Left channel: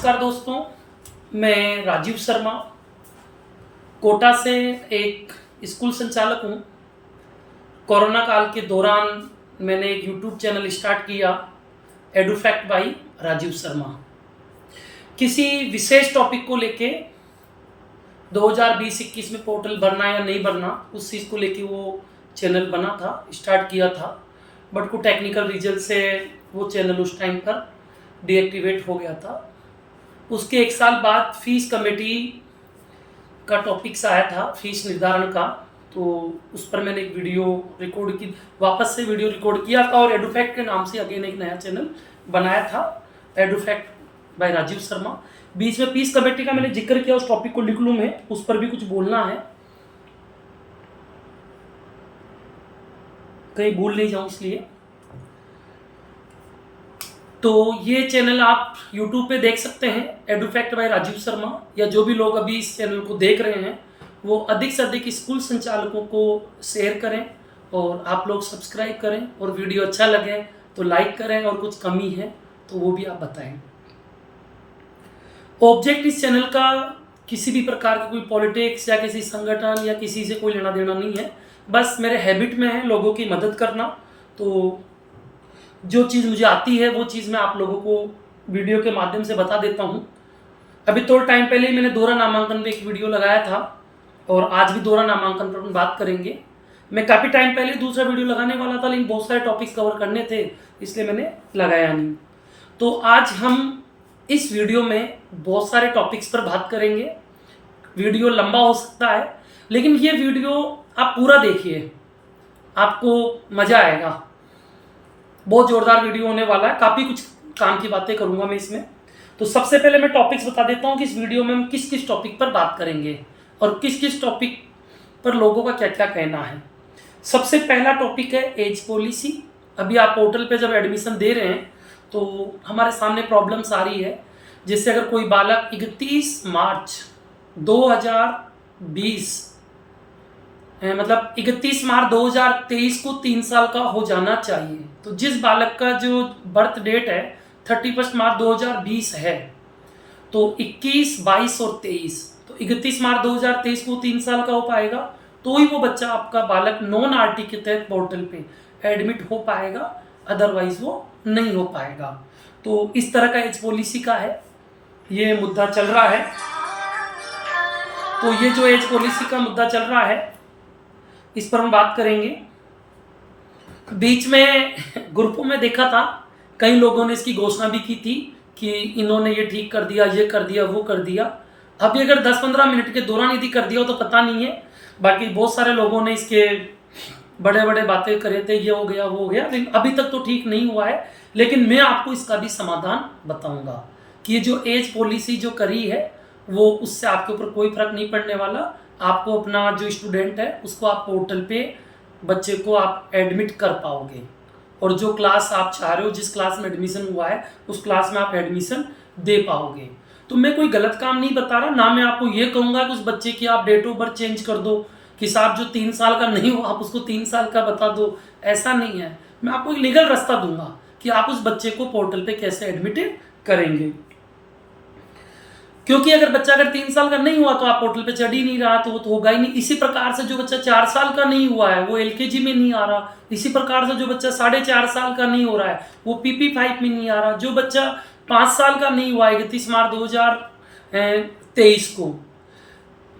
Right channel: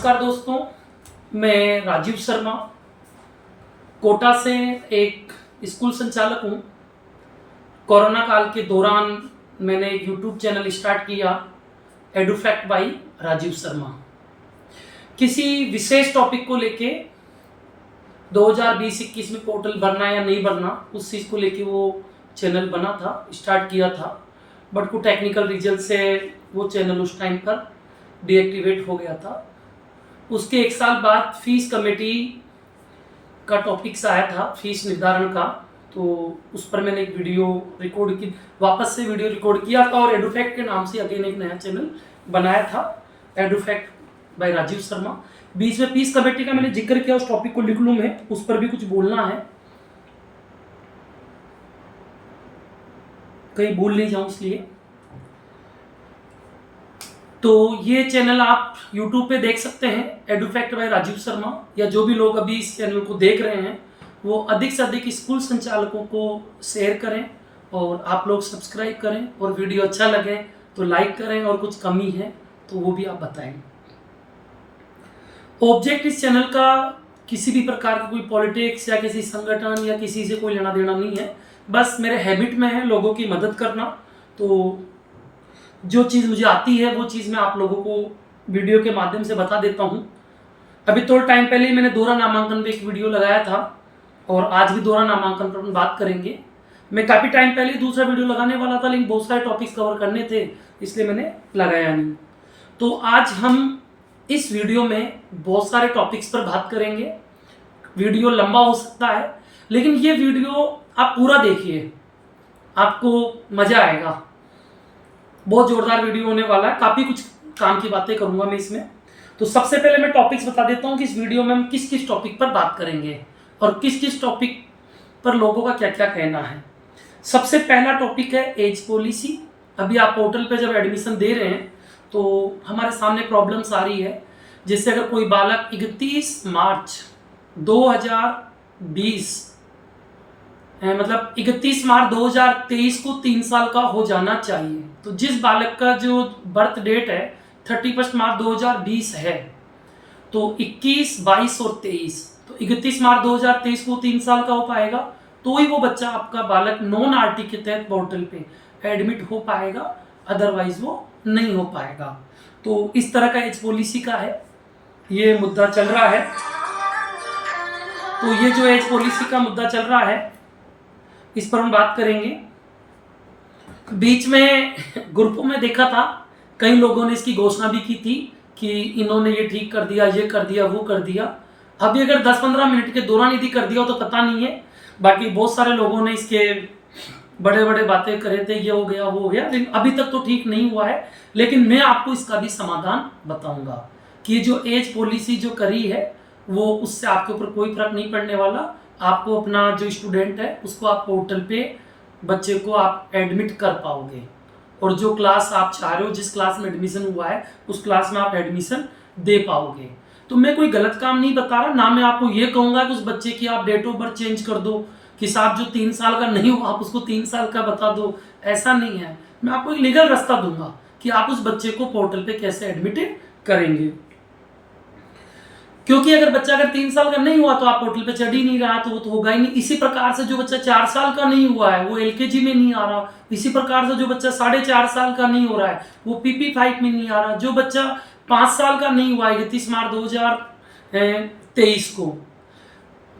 नमस्कार दोस्तों, मैं राजीव शर्मा कोटा से एक स्कूल संचालक हूँ। कोरोना काल के दौरान मैंने एक यूट्यूब चैनल स्टार्ट किया, एडुफैक्ट बाय राजीव शर्मा। किसी विशेष टॉपिक को लेके 2020-21 में पोर्टल भरना या नहीं भरना, उस चीज़ को लेके वो चैनल बना था, स्टार्ट किया था। बट कुछ टेक्निकल रीजन से वो चैनल उस टाइम पर डीएक्टिवेट हो गया था। उसके 1 साल बाद फीस कमेटी का टॉपिक्स आया था, फीस निर्धारण का, तो उस पर मैंने एक वीडियो रिकॉर्ड की, वापस से वीडियो रिकॉर्ड किया था और एडुफैक्ट के नाम से अगेन एक नया चैनल बनाया था, एडुफैक्ट बाय राजीव शर्मा। बीच में फीस कमेटी का मैंने जिक्र किया, उस टॉपिक को लिख लूँ मैं, उस पर भी कुछ बोलना है, कहीं भूल नहीं जाऊँ इसलिए। तो ये चैनल आप YouTube पे देख सकते हैं, एडुफैक्ट बाय राजीव शर्मा, या जो भी लोग अभी इस चैनल को देख रहे हैं वो अधिक से अधिक स्कूल संचालकों को शेयर करें और आप लोग सब्सक्राइब करें, और वीडियो अच्छा लगे तो लाइक करें, और कुछ कमी है तो वो भी आप बताएं। ऑब्जेक्ट इस चैनल का किसी भी प्रकार की कोई पॉलिटिक्स या किसी संगठन या किसी से कोई लेना देना नहीं है, बस मेरे हैबिट में है लोगों की मदद करना। तो जो चीज़ मुझे आती है वो चीज़ मैं आप लोगों को वीडियो के माध्यम से बता देता हूँ। अभी थोड़ा टाइम पहले ही मैंने दोहरा नामांकन पे एक वीडियो लगाया था, और आज भी दोहरा नामांकन पर बात करेंगे। मैं काफ़ी टाइम पहले दूसरा वीडियो लगाने वाला था, लेकिन बहुत सारे टॉपिक्स कवर करने थे, इसलिए मैंने लगाया नहीं। तो आज हम इस वीडियो में बहुत सारे टॉपिक्स पर बात करेंगे। वीडियो लंबा हो सकता है, लेकिन ये वीडियो आप पूरा देखिए, आपको मज़ा आएगा। बहुत जोरदार वीडियो होने वाला है, काफ़ी कुछ काम की बातें करूंगा मैं इसमें। तो सबसे पहले मैं टॉपिक्स बता देता हूं कि इस वीडियो में हम किस किस टॉपिक पर बात करेंगे और किस किस टॉपिक पर लोगों का क्या क्या कहना है। सबसे पहला टॉपिक है एज पॉलिसी। अभी आप पोर्टल पे जब एडमिशन दे रहे हैं तो हमारे सामने प्रॉब्लम्स आ रही है, जैसे अगर कोई बालक 31 मार्च 2020 मतलब 31 मार्च 2023 को 3 साल का हो जाना चाहिए, तो जिस बालक का जो बर्थ डेट है 31 मार्च 2020 है, तो 21, 22 और 23, तो 31 मार्च 2023 को 3 साल का हो पाएगा, तो ही वो बच्चा आपका बालक नॉन आरटी के तहत पोर्टल पे एडमिट हो पाएगा, अदरवाइज वो नहीं हो पाएगा। तो इस तरह का एज पॉलिसी का है, ये मुद्दा चल रहा है। तो ये जो एज पॉलिसी का मुद्दा चल रहा है, इस पर हम बात करेंगे। बीच में ग्रुपों में देखा था, कई लोगों ने इसकी घोषणा भी की थी कि इन्होंने ये ठीक कर दिया, ये कर दिया, वो कर दिया। अभी अगर 10-15 मिनट के दौरान यदि कर दिया हो तो पता नहीं है, बाकी बहुत सारे लोगों ने इसके बड़े बड़े बातें करे थे, ये हो गया, वो हो गया, लेकिन अभी तक तो ठीक नहीं हुआ है। लेकिन मैं आपको इसका भी समाधान बताऊंगा कि जो एज पॉलिसी जो करी है वो, उससे आपके ऊपर कोई फर्क नहीं पड़ने वाला। आपको अपना जो स्टूडेंट है उसको आप पोर्टल पे बच्चे को आप एडमिट कर पाओगे, और जो क्लास आप चाह रहे हो, जिस क्लास में एडमिशन हुआ है उस क्लास में आप एडमिशन दे पाओगे। तो मैं कोई गलत काम नहीं बता रहा, ना मैं आपको ये कहूँगा कि उस बच्चे की आप डेट ऑफ बर्थ चेंज कर दो, कि साहब जो 3 साल का नहीं हुआ आप उसको 3 साल का बता दो, ऐसा नहीं है। मैं आपको एक लीगल रास्ता दूंगा कि आप उस बच्चे को पोर्टल पे कैसे एडमिट करेंगे, क्योंकि अगर बच्चा अगर 3 साल का नहीं हुआ तो आप पोर्टल पे चढ़ ही नहीं रहा, तो वो तो होगा ही नहीं। इसी प्रकार से जो बच्चा 4 साल का नहीं हुआ है वो एलकेजी में नहीं आ रहा, इसी प्रकार से जो बच्चा 4.5 साल का नहीं हो रहा है वो PP5 में नहीं आ रहा, जो बच्चा 5 साल का नहीं हुआ है 31 मार्च 2023 को,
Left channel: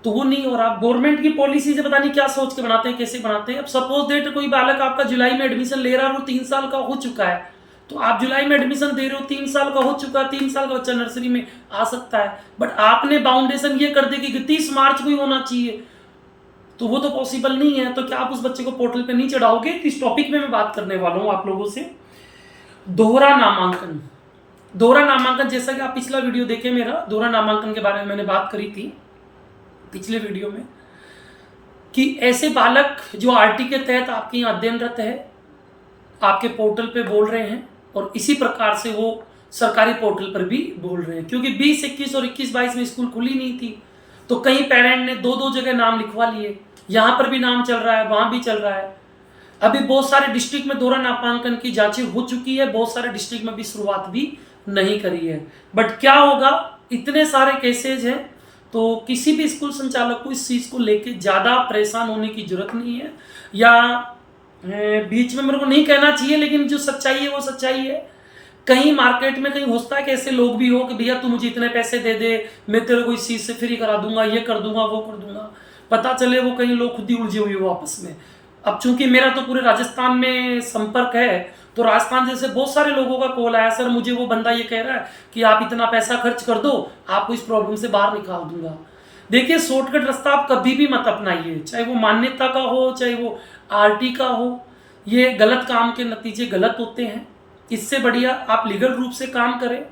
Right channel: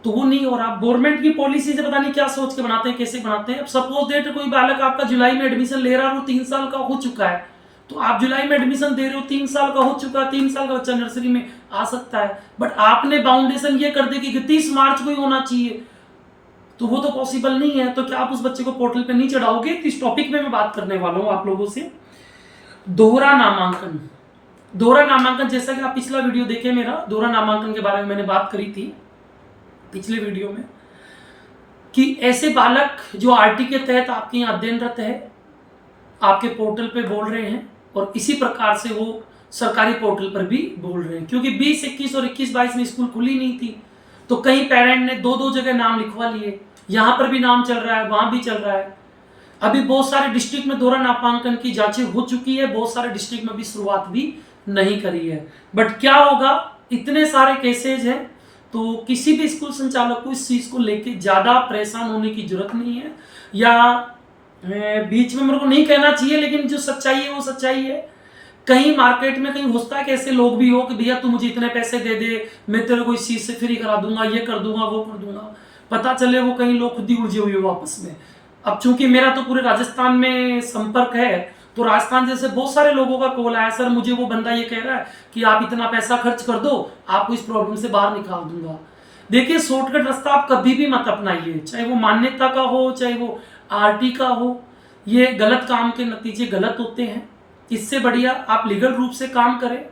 तो वो नहीं हो रहा। गवर्नमेंट की पॉलिसी से पता नहीं क्या सोच के बनाते हैं, कैसे बनाते हैं। अब सपोज डेट कोई बालक आपका जुलाई में एडमिशन ले रहा है, वो 3 साल का हो चुका है, तो आप जुलाई में एडमिशन दे रहे हो, 3 साल का हो चुका है, 3 साल का बच्चा नर्सरी में आ सकता है, बट आपने बाउंडेशन ये कर दी कि 31 मार्च को ही होना चाहिए, तो वो तो पॉसिबल नहीं है। तो क्या आप उस बच्चे को पोर्टल पे नहीं चढ़ाओगे? तो इस टॉपिक में मैं बात करने वाला हूँ आप लोगों से। दोहरा नामांकन। दोहरा नामांकन, जैसा कि आप पिछला वीडियो देखे मेरा, दोहरा नामांकन के बारे में मैंने बात करी थी पिछले वीडियो में, कि ऐसे बालक जो आरटी के तहत आपके यहाँ अध्ययनरत है, आपके पोर्टल पे बोल रहे हैं, और इसी प्रकार से वो सरकारी पोर्टल पर भी बोल रहे हैं, क्योंकि 20-21 और 21-22 में स्कूल खुली नहीं थी, तो कई पेरेंट ने 2-2 जगह नाम लिखवा लिए, यहाँ पर भी नाम चल रहा है, वहाँ भी चल रहा है। अभी बहुत सारे डिस्ट्रिक्ट में दोहरा नामांकन की जांचें हो चुकी है, बहुत सारे डिस्ट्रिक्ट में भी शुरुआत भी नहीं करी है। बट क्या होगा, इतने सारे केसेज हैं, तो किसी भी स्कूल संचालक को इस चीज़ को लेके ज़्यादा परेशान होने की जरूरत नहीं है। या बीच में मेरे को नहीं कहना चाहिए, लेकिन जो सच्चाई है वो सच्चाई है। कहीं मार्केट में कहीं होता है कि ऐसे लोग भी हो कि भैया तू मुझे इतने पैसे दे दे, मैं तेरे को इस चीज़ से फ्री करा दूंगा, ये कर दूंगा, वो कर दूंगा। पता चले वो कहीं लोग खुद ही उलझे हुए हो आपस में। अब चूंकि मेरा तो पूरे राजस्थान में संपर्क है, तो राजस्थान जैसे बहुत सारे लोगों का कॉल आया, सर मुझे वो बंदा ये कह रहा है कि आप इतना पैसा खर्च कर दो, आपको इस प्रॉब्लम से बाहर निकाल दूंगा। देखिए, शॉर्टकट रास्ता आप कभी भी मत अपनाइए, चाहे वो मान्यता का हो, चाहे वो आरटी का हो। ये गलत काम के नतीजे गलत होते हैं। इससे बढ़िया आप लीगल रूप से काम करें।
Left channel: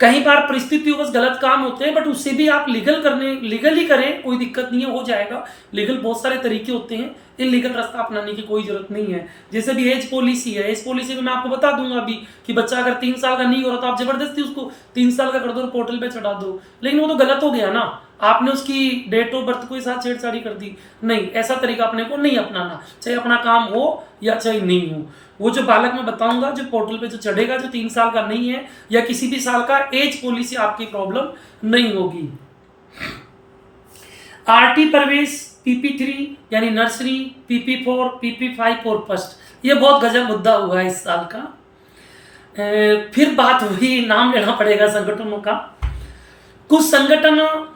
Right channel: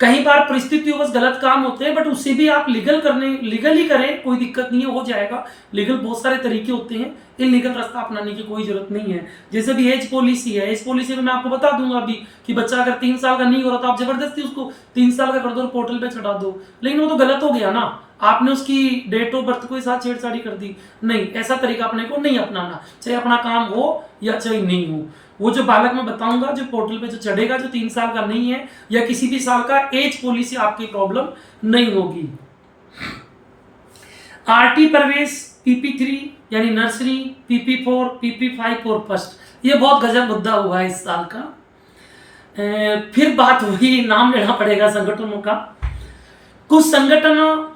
कई बार परिस्थितियों गलत काम होते हैं, बट उसे भी आप लीगली करें, कोई दिक्कत नहीं है, हो जाएगा। लीगल बहुत सारे तरीके होते हैं, इलीगल रास्ता अपनाने की कोई जरूरत नहीं है। जैसे भी एज पॉलिसी है, एज पॉलिसी में मैं आपको बता दूंगा अभी कि बच्चा अगर 3 साल का नहीं हो रहा तो आप जबरदस्ती उसको 3 साल का कर दो और पोर्टल पे चढ़ा दो, लेकिन वो तो गलत हो गया ना। आपने उसकी डेट ऑफ बर्थ को साथ छेड़छाड़ी कर दी। नहीं, ऐसा तरीका अपने को नहीं अपनाना, चाहे अपना काम हो या चाहे नहीं हो। वो जो बालक मैं बताऊंगा, जो पोर्टल पे जो चढ़ेगा, जो 3 साल का नहीं है या किसी भी साल का, एज पॉलिसी आपकी प्रॉब्लम नहीं होगी। आरटी प्रवेश PP3 यानी नर्सरी, PP4, PP5 और फर्स्ट, ये बहुत गजब मुद्दा हुआ है इस साल का। फिर बात हुई, नाम लेना पड़ेगा संगठनों का। कुछ संगठन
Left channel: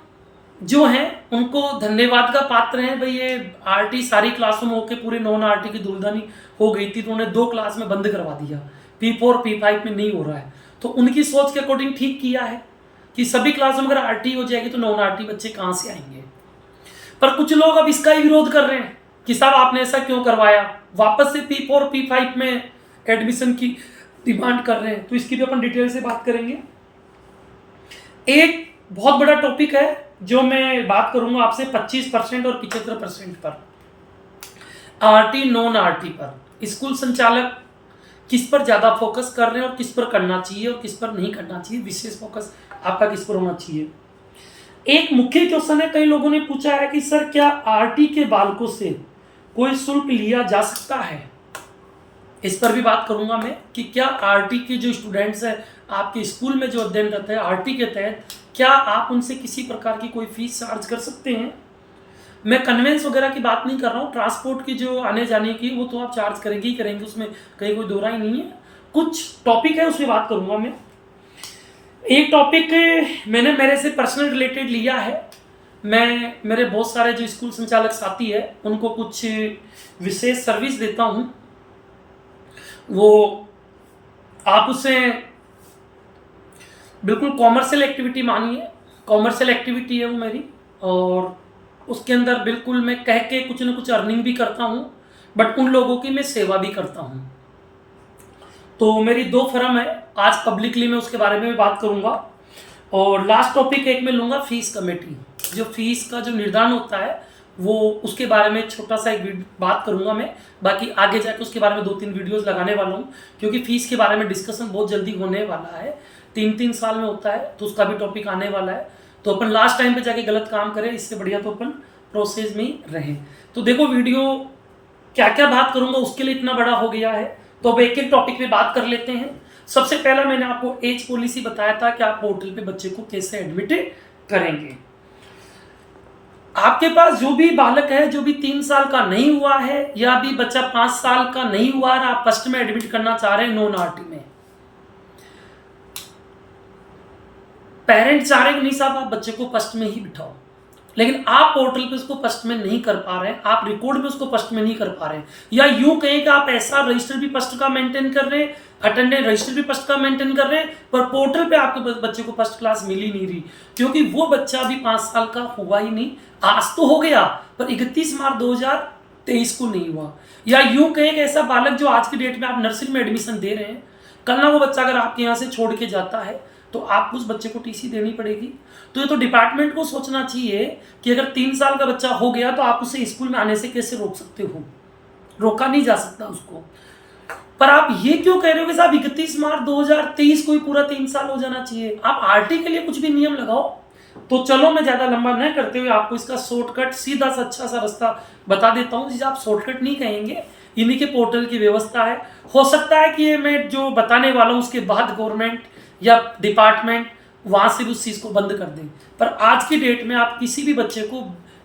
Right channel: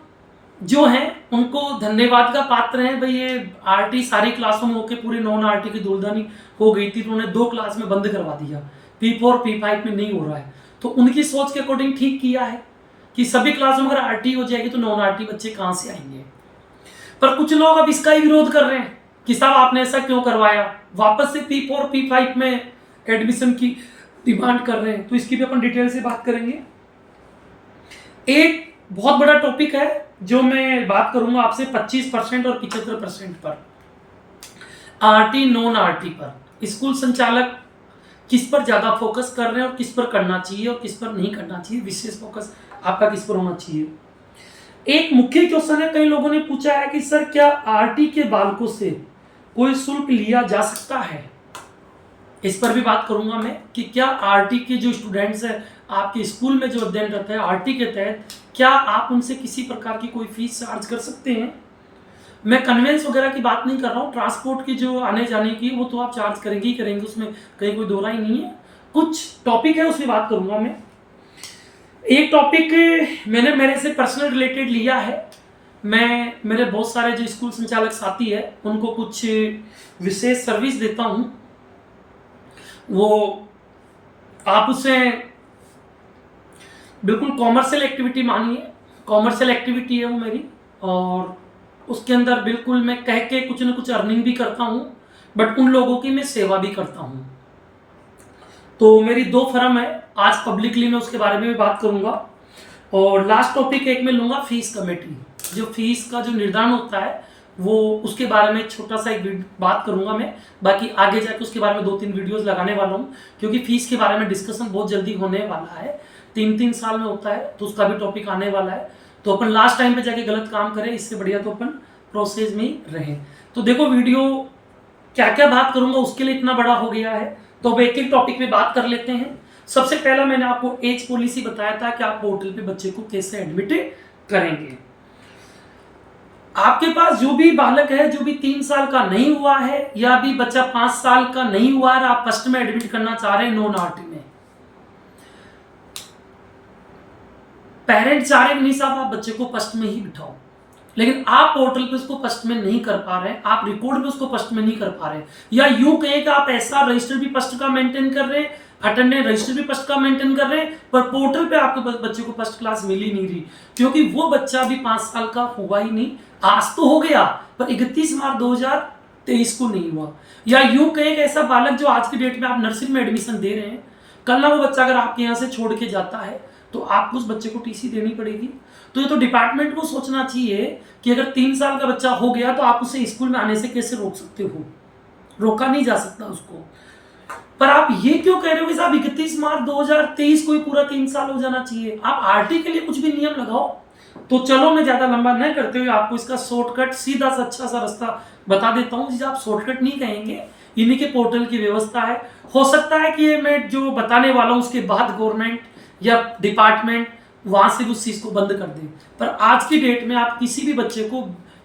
जो हैं उनको धन्यवाद का पात्र हैं, भाई ये आरटी सारी क्लासों में होकर पूरे नॉन आरटी की धूलधानी हो गई थी, तो उन्होंने 2 क्लास में बंद करवा दिया, P4 P5 में नहीं हो रहा है। तो उनकी सोच के अकॉर्डिंग ठीक किया है कि सभी क्लासों में अगर आरटी हो जाएगी तो नॉन आरटी बच्चे कहाँ से आएंगे। पर कुछ लोग अब इसका ही विरोध कर रहे हैं कि साहब आपने ऐसा क्यों करवाया, वापस से P4 P5 में एडमिशन की डिमांड कर रहे हैं। तो इसकी भी अपन डिटेल से बात करेंगे। एक बहुत बड़ा टॉपिक है जो मैं बात करूंगा आपसे 25% और 75% पर, आरटी नॉन आरटी पर स्कूल संचालक किस पर ज़्यादा फोकस कर रहे हैं और किस पर करना चाहिए और किस पर नहीं करना चाहिए, विशेष फोकस आपका किस पर होना चाहिए। एक मुख्य क्वेश्चन है, कई लोगों ने पूछा है कि सर क्या आरटी के बालकों से कोई शुल्क लिया जा सकता है। इस पर भी बात करूंगा मैं कि क्या आरटी के जो स्टूडेंट्स हैं आपके स्कूल में जो अध्ययनरत है आरटी के तहत, क्या आप उनसे किसी प्रकार की कोई फीस चार्ज कर सकते हैं। मैं कन्वेंस वगैरह की बात नहीं कर रहा हूँ, ट्रांसपोर्ट की जो आने जाने की वो तो आप चार्ज करेंगे ही करेंगे, उसमें कहीं कोई दो राय नहीं है। कुछ टॉपिक है उसमें बात करूंगा मैं। एक टॉपिक मैंने मेरे से पर्सनल रिलेटेड लिया है। मैं मेरे बहुत सारे जो स्कूल संचालक साथी है उनको कुछ विशेष सर्विस देता हूँ, वो आप उसे बिल्कुल कॉमर्शियल एक्टिविटी मानिए, कॉमर्शियल एक्टिविटी है वो मेरी, और उसके अंदर बिल्कुल मैं कह के कुछ न कुछ अर्निंग भी करता हूँ, बट उन लोगों की मैं सेवा भी करता हूँ। तो मेरी 2 फर्म है, आज पब्लिकली मैं उसके बारे में भी बात करूँगा। और लास्ट टॉपिक एक मैं लूँगा, फीस कमेटी। जो फीस का जो निर्धारण होता है वो उसके बारे में छोटा सा एक बात करूँगा मैं। बाकी आगे जाकर उसके बारे में 2-3 वीडियोज़ लगाने वाला हूँ, क्योंकि फीस के बारे में डिस्कशन बहुत जल्दी होने वाला है, 3-3 साल में होता है, तो उसका भी टॉपिक आने वाला है। तो अपन लास्ट टाइम पे जाके गलत काम करें, इससे बढ़िया तो अपन प्रोसेस में ही रहें। तो देखो वीडियो क्या क्या बात करूंगा उसके लिए इतना बड़ा हो गया है, तो अब एक एक टॉपिक पे बात कर लेते हैं। सबसे पहला मैंने आपको एज पॉलिसी बताया था कि आप पोर्टल पे बच्चे को कैसे एडमिट करेंगे। आपके पास जो भी बालक है जो भी 3 साल का नहीं हुआ है या भी बच्चा 5 साल का नहीं हुआ है, आप फर्स्ट में एडमिट करना चाह रहे हैं नॉन आरटी में, पेरेंट चाह रहे हैं कि नहीं साहब आप बच्चे को फर्स्ट में ही बिठाओ, लेकिन आप पोर्टल पे उसको फर्स्ट में नहीं कर पा रहे हैं, आप रिकॉर्ड पे उसको फर्स्ट में नहीं कर पा रहे हैं, या यूं कहें कि आप ऐसा रजिस्टर भी फर्स्ट का मेंटेन कर रहे हैं, अटेंडेंस रजिस्टर भी फर्स्ट का मेंटेन कर रहे हैं, पर पोर्टल पे आपके बच्चे को फर्स्ट क्लास मिल ही नहीं रही, क्योंकि वो बच्चा अभी 5 साल का हुआ ही नहीं। आज तो हो गया पर 31 मार्च 2023 को नहीं हुआ। या यूं कहें कि ऐसा बालक जो आज की डेट में आप नर्सरी में एडमिशन दे रहे हैं, कल ना वो बच्चा अगर आपके यहाँ से छोड़ के जाता है तो आपको उस बच्चे को टीसी देनी पड़ेगी। तो ये तो डिपार्टमेंट को सोचना चाहिए कि अगर 3 साल का बच्चा हो गया तो आप उसे स्कूल में आने से कैसे रोक सकते हो, रोका नहीं जा सकता उसको। पर आप ये क्यों कह रहे हो कि साहब 31 मार्च 2023 को ही पूरा 3 साल हो जाना चाहिए। आप आरटी के लिए कुछ भी नियम लगाओ। तो चलो मैं ज़्यादा लंबा नहीं करते हुए आपको इसका शॉर्टकट सीधा सा अच्छा सा रास्ता बता देता हूँ, जिसे आप शॉर्टकट नहीं कहेंगे, इन्हीं के पोर्टल की व्यवस्था है। हो सकता है कि ये मैं जो बताने वाला हूँ उसके बाद गवर्नमेंट या डिपार्टमेंट वहाँ से उस चीज़ को बंद कर दें, पर आज की डेट में आप किसी भी बच्चे को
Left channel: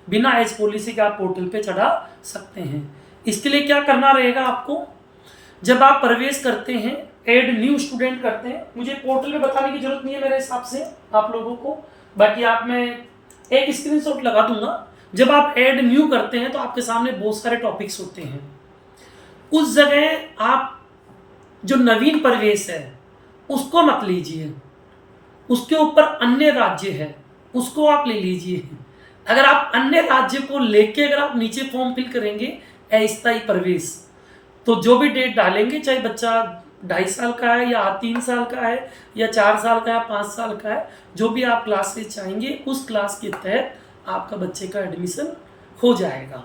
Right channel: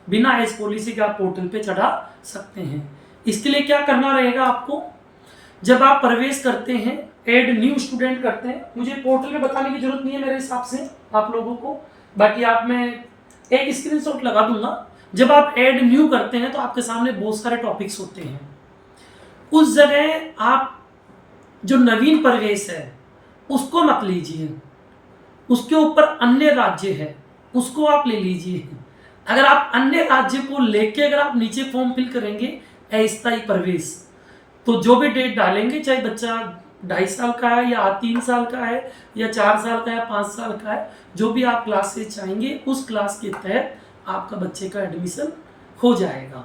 बिना एज पॉलिसी के आप पोर्टल पे चढ़ा सकते हैं। इसके लिए क्या करना रहेगा आपको, जब आप प्रवेश करते हैं, ऐड न्यू स्टूडेंट करते हैं, मुझे पोर्टल में बताने की जरूरत नहीं है मेरे हिसाब से आप लोगों को, बाकी आप मैं एक स्क्रीनशॉट लगा दूंगा। जब आप ऐड न्यू करते हैं तो आपके सामने बहुत सारे टॉपिक्स होते हैं। उस जगह आप जो नवीन प्रवेश है उसको मत लीजिए, उसके ऊपर अन्य राज्य है उसको आप ले लीजिए। अगर आप अन्य राज्य को लेके अगर आप नीचे फॉर्म फिल करेंगे अस्थायी प्रवेश, तो जो भी डेट डालेंगे, चाहे बच्चा 2.5 साल का है या 3 साल का है या 4 साल का है 5 साल का है, जो भी आप क्लास से चाहेंगे उस क्लास के तहत आपका बच्चे का एडमिशन हो जाएगा।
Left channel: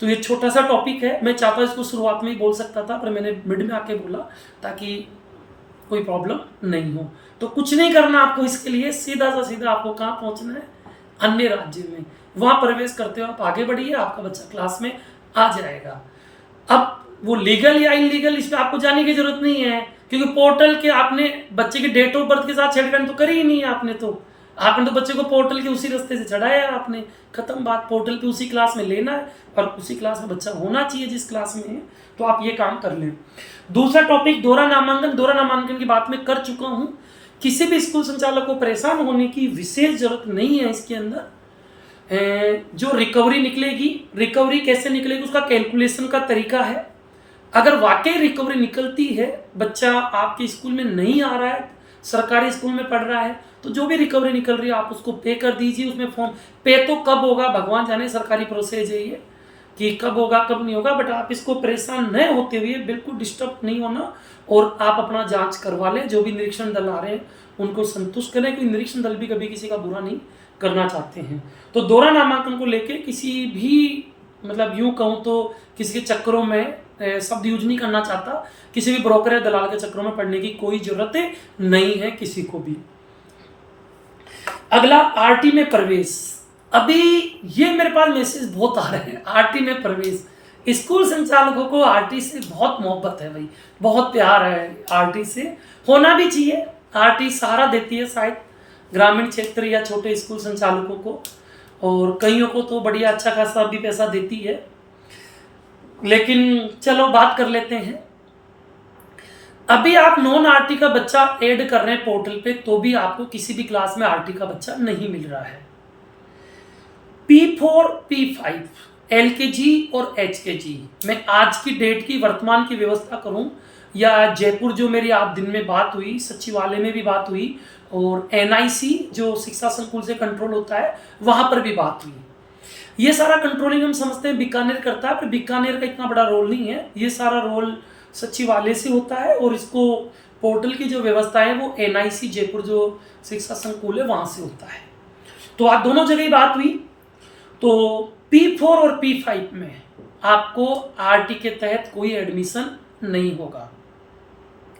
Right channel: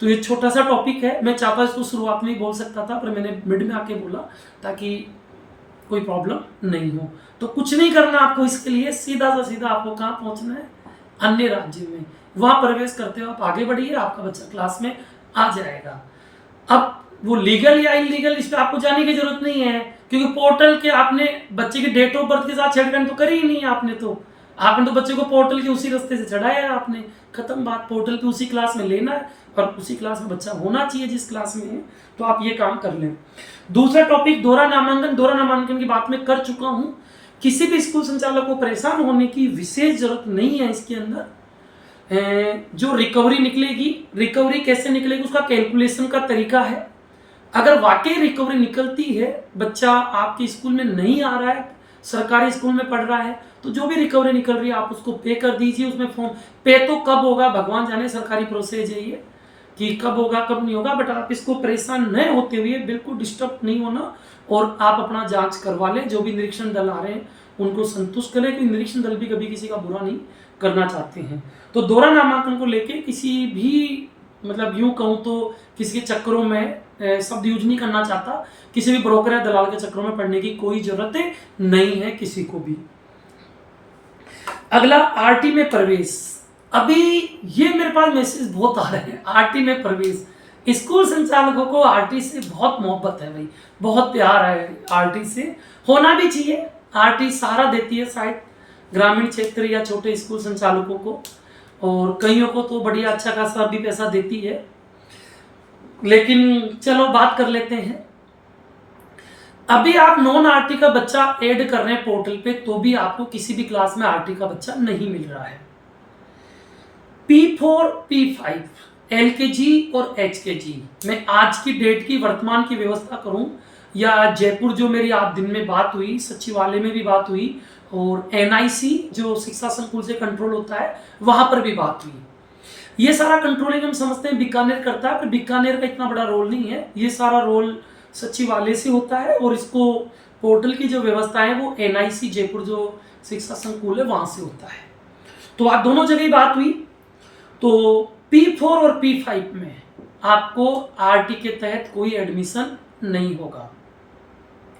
तो ये छोटा सा टॉपिक है, मैं चाहता इसको शुरुआत में ही बोल सकता था पर मैंने मिड में आके बोला ताकि कोई प्रॉब्लम नहीं हो। तो कुछ नहीं करना आपको, इसके लिए सीधा सा सीधा आपको कहाँ पहुँचना है, अन्य राज्य में, वहाँ प्रवेश करते हो आप आगे बढ़िए, आपका बच्चा क्लास में आ जाएगा। अब वो लीगल या इलीगल इस पर आपको जाने की जरूरत नहीं है, क्योंकि पोर्टल के आपने बच्चे के डेट ऑफ बर्थ के साथ छेड़खानी तो करी ही नहीं है। आपने तो बच्चे को पोर्टल के उसी रास्ते से चढ़ाया है आपने, खत्म बात। पोर्टल पे उसी क्लास में लेना है और उसी क्लास में बच्चा होना चाहिए जिस क्लास में है, तो आप ये काम कर लें। दूसरा टॉपिक दोहरा नामांकन। दोहरा नामांकन की बात मैं कर चुका हूँ। किसी भी स्कूल संचालक को परेशान होने की विशेष जरूरत नहीं है। इसके अंदर जो रिकवरी निकलेगी, रिकवरी कैसे निकलेगी उसका कैलकुलेशन का तरीका है। अगर वाकई रिकवरी निकलती है, बच्चा आपके स्कूल में नहीं आ रहा है, सरकारी स्कूल में पढ़ रहा है, तो जो भी रिकवरी निकल रही है आप उसको पे कर दीजिए। उसमें फॉर्म पे तो कब होगा भगवान जाने, सरकारी प्रोसेस है ये कि कब होगा कब नहीं होगा, बट आप इसको परेशान न होते हुए, बिल्कुल डिस्टर्ब नहीं होना, और आप अपना जांच करवा लें। जो भी निरीक्षण दल आ रहे हैं उनको संतुष्ट करें, क्योंकि निरीक्षण दल भी कभी किसी का बुरा नहीं करना चाहते हैं। तो दोहरा नामांकन को लेके किसी भी, मतलब यूँ कहूँ तो किसी के चक्करों में शब्द यूज नहीं करना चाहता, किसी भी ब्रोकर या दलाल के चक्करों में पड़ने की कोई जरूरत नहीं है किसी को भी। अगला आरटी में प्रवेश। अभी ये मेरे पास मैसेज बहुत आ रहे हैं, आरटी में प्रवेश। स्कूल संचालकों को आरटी से बहुत मोहब्बत है भाई, बहुत प्यार है आरटी से, होना भी चाहिए। आरटी सहारा देती है शायद ग्रामीण क्षेत्र या छोटे स्कूल संचालकों को, और कईयों को तो बढ़िया अच्छा खासा भी पैसा देती है। लेकिन चलो बात कर लेते हैं। अभी आप नॉन आरटी का बच्चा ऐड कर रहे हैं पोर्टल पे, तो भी आपको किसी भी क्लास में आरटी का बच्चा नहीं मिल रहा है। P4 P5 LKG और HKG मैं आज की डेट की वर्तमान की व्यवस्था करूं, या जयपुर जो मेरी आप दिन में बात हुई, सचिवालय में भी बात हुई, और NIC जो शिक्षा संकुल से कंट्रोल होता है वहां पर भी बात हुई। ये सारा कंट्रोलिंग हम समझते हैं बीकानेर करता है, पर बीकानेर का इतना बड़ा रोल नहीं है। ये सारा रोल सचिवालय से होता है, और इसको पोर्टल की जो व्यवस्था है वो NIC जयपुर जो शिक्षा संकुल है वहाँ से होता है। तो आप दोनों जगह ही बात हुई। तो P4 और P5 में आपको आरटी के तहत कोई एडमिशन नहीं होगा।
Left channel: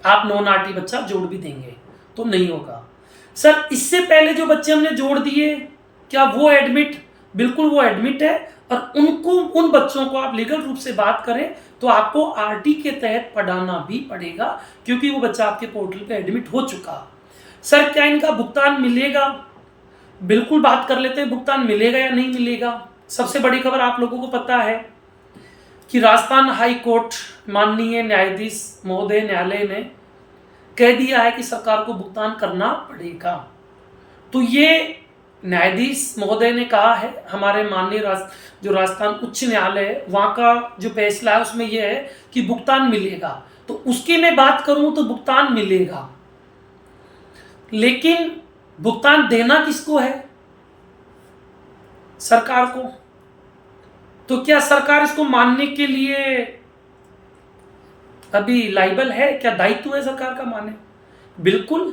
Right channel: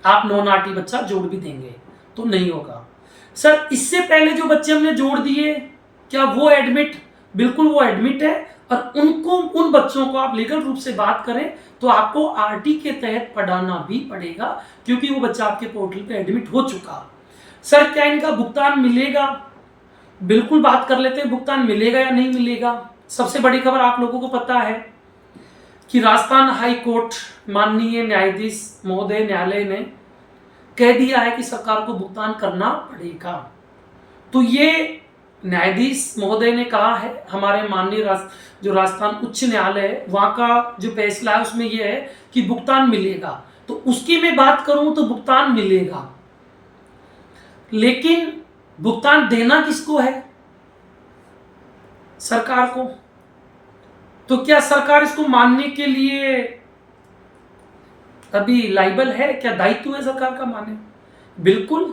आप नॉन आरटी बच्चा जोड़ भी देंगे तो नहीं होगा। सर इससे पहले जो बच्चे हमने जोड़ दिए क्या वो एडमिट? बिल्कुल वो एडमिट है, और उनको, उन बच्चों को आप लीगल रूप से बात करें तो आपको आरटी के तहत पढ़ाना भी पड़ेगा, क्योंकि वो बच्चा आपके पोर्टल पे एडमिट हो चुका। सर क्या इनका भुगतान मिलेगा? बिल्कुल बात कर लेते हैं, भुगतान मिलेगा या नहीं मिलेगा। सबसे बड़ी खबर आप लोगों को पता है कि राजस्थान हाई कोर्ट माननीय न्यायाधीश महोदय न्यायालय ने कह दिया है कि सरकार को भुगतान करना पड़ेगा। तो ये न्यायाधीश महोदय ने कहा है, हमारे माननीय जो राजस्थान उच्च न्यायालय है वहाँ का जो फैसला है उसमें यह है कि भुगतान मिलेगा। तो उसकी मैं बात करूं तो भुगतान मिलेगा, लेकिन भुगतान देना किसको है? सरकार को। तो क्या सरकार इसको मानने के लिए अभी लायबल है? क्या दायित्व है सरकार का माने? बिल्कुल,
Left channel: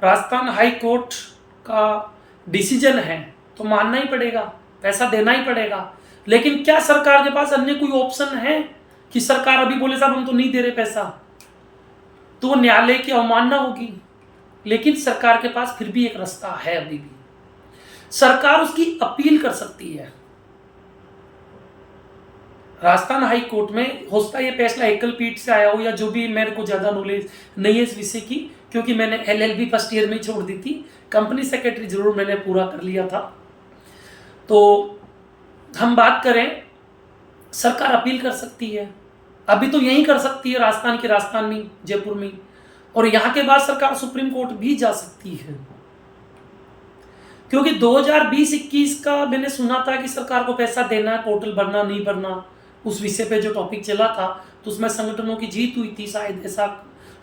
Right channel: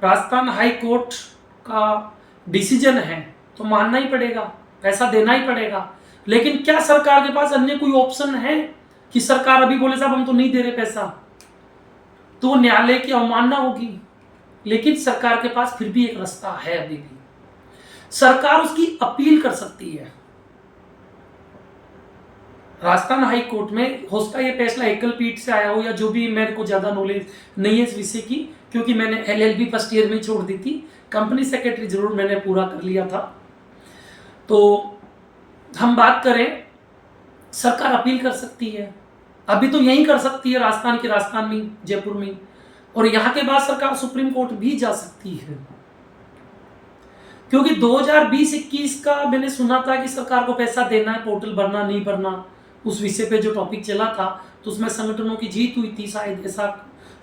राजस्थान हाई कोर्ट का डिसीजन है तो मानना ही पड़ेगा, पैसा देना ही पड़ेगा। लेकिन क्या सरकार के पास अन्य कोई ऑप्शन है कि सरकार अभी बोले साहब हम तो नहीं दे रहे पैसा, तो न्यायालय की अवमानना होगी। लेकिन सरकार के पास फिर भी एक रास्ता है, अभी भी सरकार उसकी अपील कर सकती है। राजस्थान हाई कोर्ट में हो सकता है ये फैसला एकल पीठ से आया हो, या जो भी, मेरे को ज़्यादा नॉलेज नहीं है इस विषय की, क्योंकि मैंने LLB फर्स्ट ईयर में ही छोड़ दी थी। कंपनी सेक्रेटरी जरूर मैंने पूरा कर लिया था। तो हम बात करें, सरकार अपील कर सकती है, अभी तो यहीं कर सकती है, राजस्थान में, जयपुर में, और यहाँ के बाद सरकार सुप्रीम कोर्ट भी जा सकती है। क्योंकि 2020-21 का मैंने सुना था कि सरकार को पैसा देना है, पोर्टल भरना नहीं भरना, उस विषय पे जो टॉपिक चला था, तो उसमें संगठनों की जीत हुई थी, शायद ऐसा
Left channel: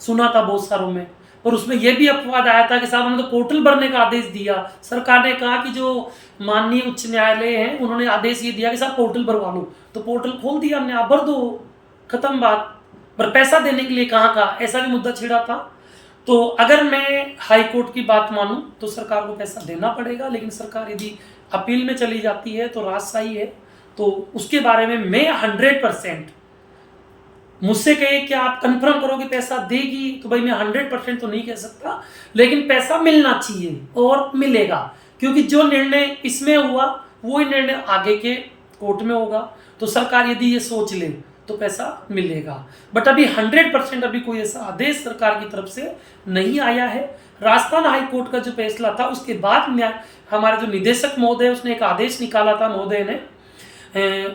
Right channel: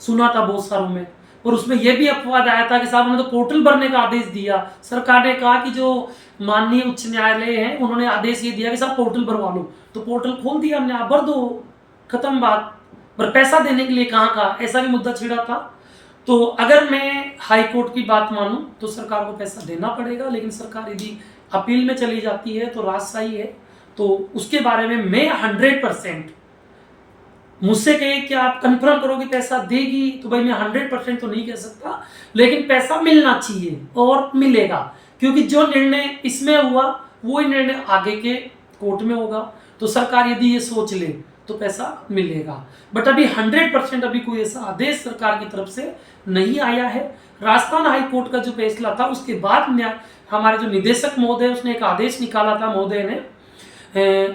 सुना था बहुत सारों में। और उसमें यह भी अपवाद आया था कि साहब हमने तो पोर्टल भरने का आदेश दिया, सरकार ने कहा कि जो माननीय उच्च न्यायालय है उन्होंने आदेश ये दिया कि साहब पोर्टल भरवा लो, तो पोर्टल खोल दिया हमने, आप भर दो, खत्म बात। पर पैसा देने के लिए कहाँ का, ऐसा भी मुद्दा छिड़ा था। तो अगर मैं हाई कोर्ट की बात मानूं तो सरकार को पैसा देना पड़ेगा, लेकिन सरकार यदि अपील में चली जाती है तो राजशाही है, तो उसके बारे में मैं 100%, मुझसे कहिए कि आप कंफर्म करोगे पैसा देगी, तो भाई मैं 100% तो नहीं कह सकता, लेकिन पैसा मिलना चाहिए और मिलेगा, क्योंकि जो निर्णय इसमें हुआ वही निर्णय आगे के कोर्ट में होगा। तो सरकार यदि ये सोच ले तो पैसा मिलेगा, बट अभी 100% अभी कोई ऐसा आदेश सरकार की तरफ से नहीं आया है। राजस्थान हाई कोर्ट का जो फैसला था उसके बाद में हमारे जो निदेशक महोदय, उसने एक आदेश निकाला था महोदय ने,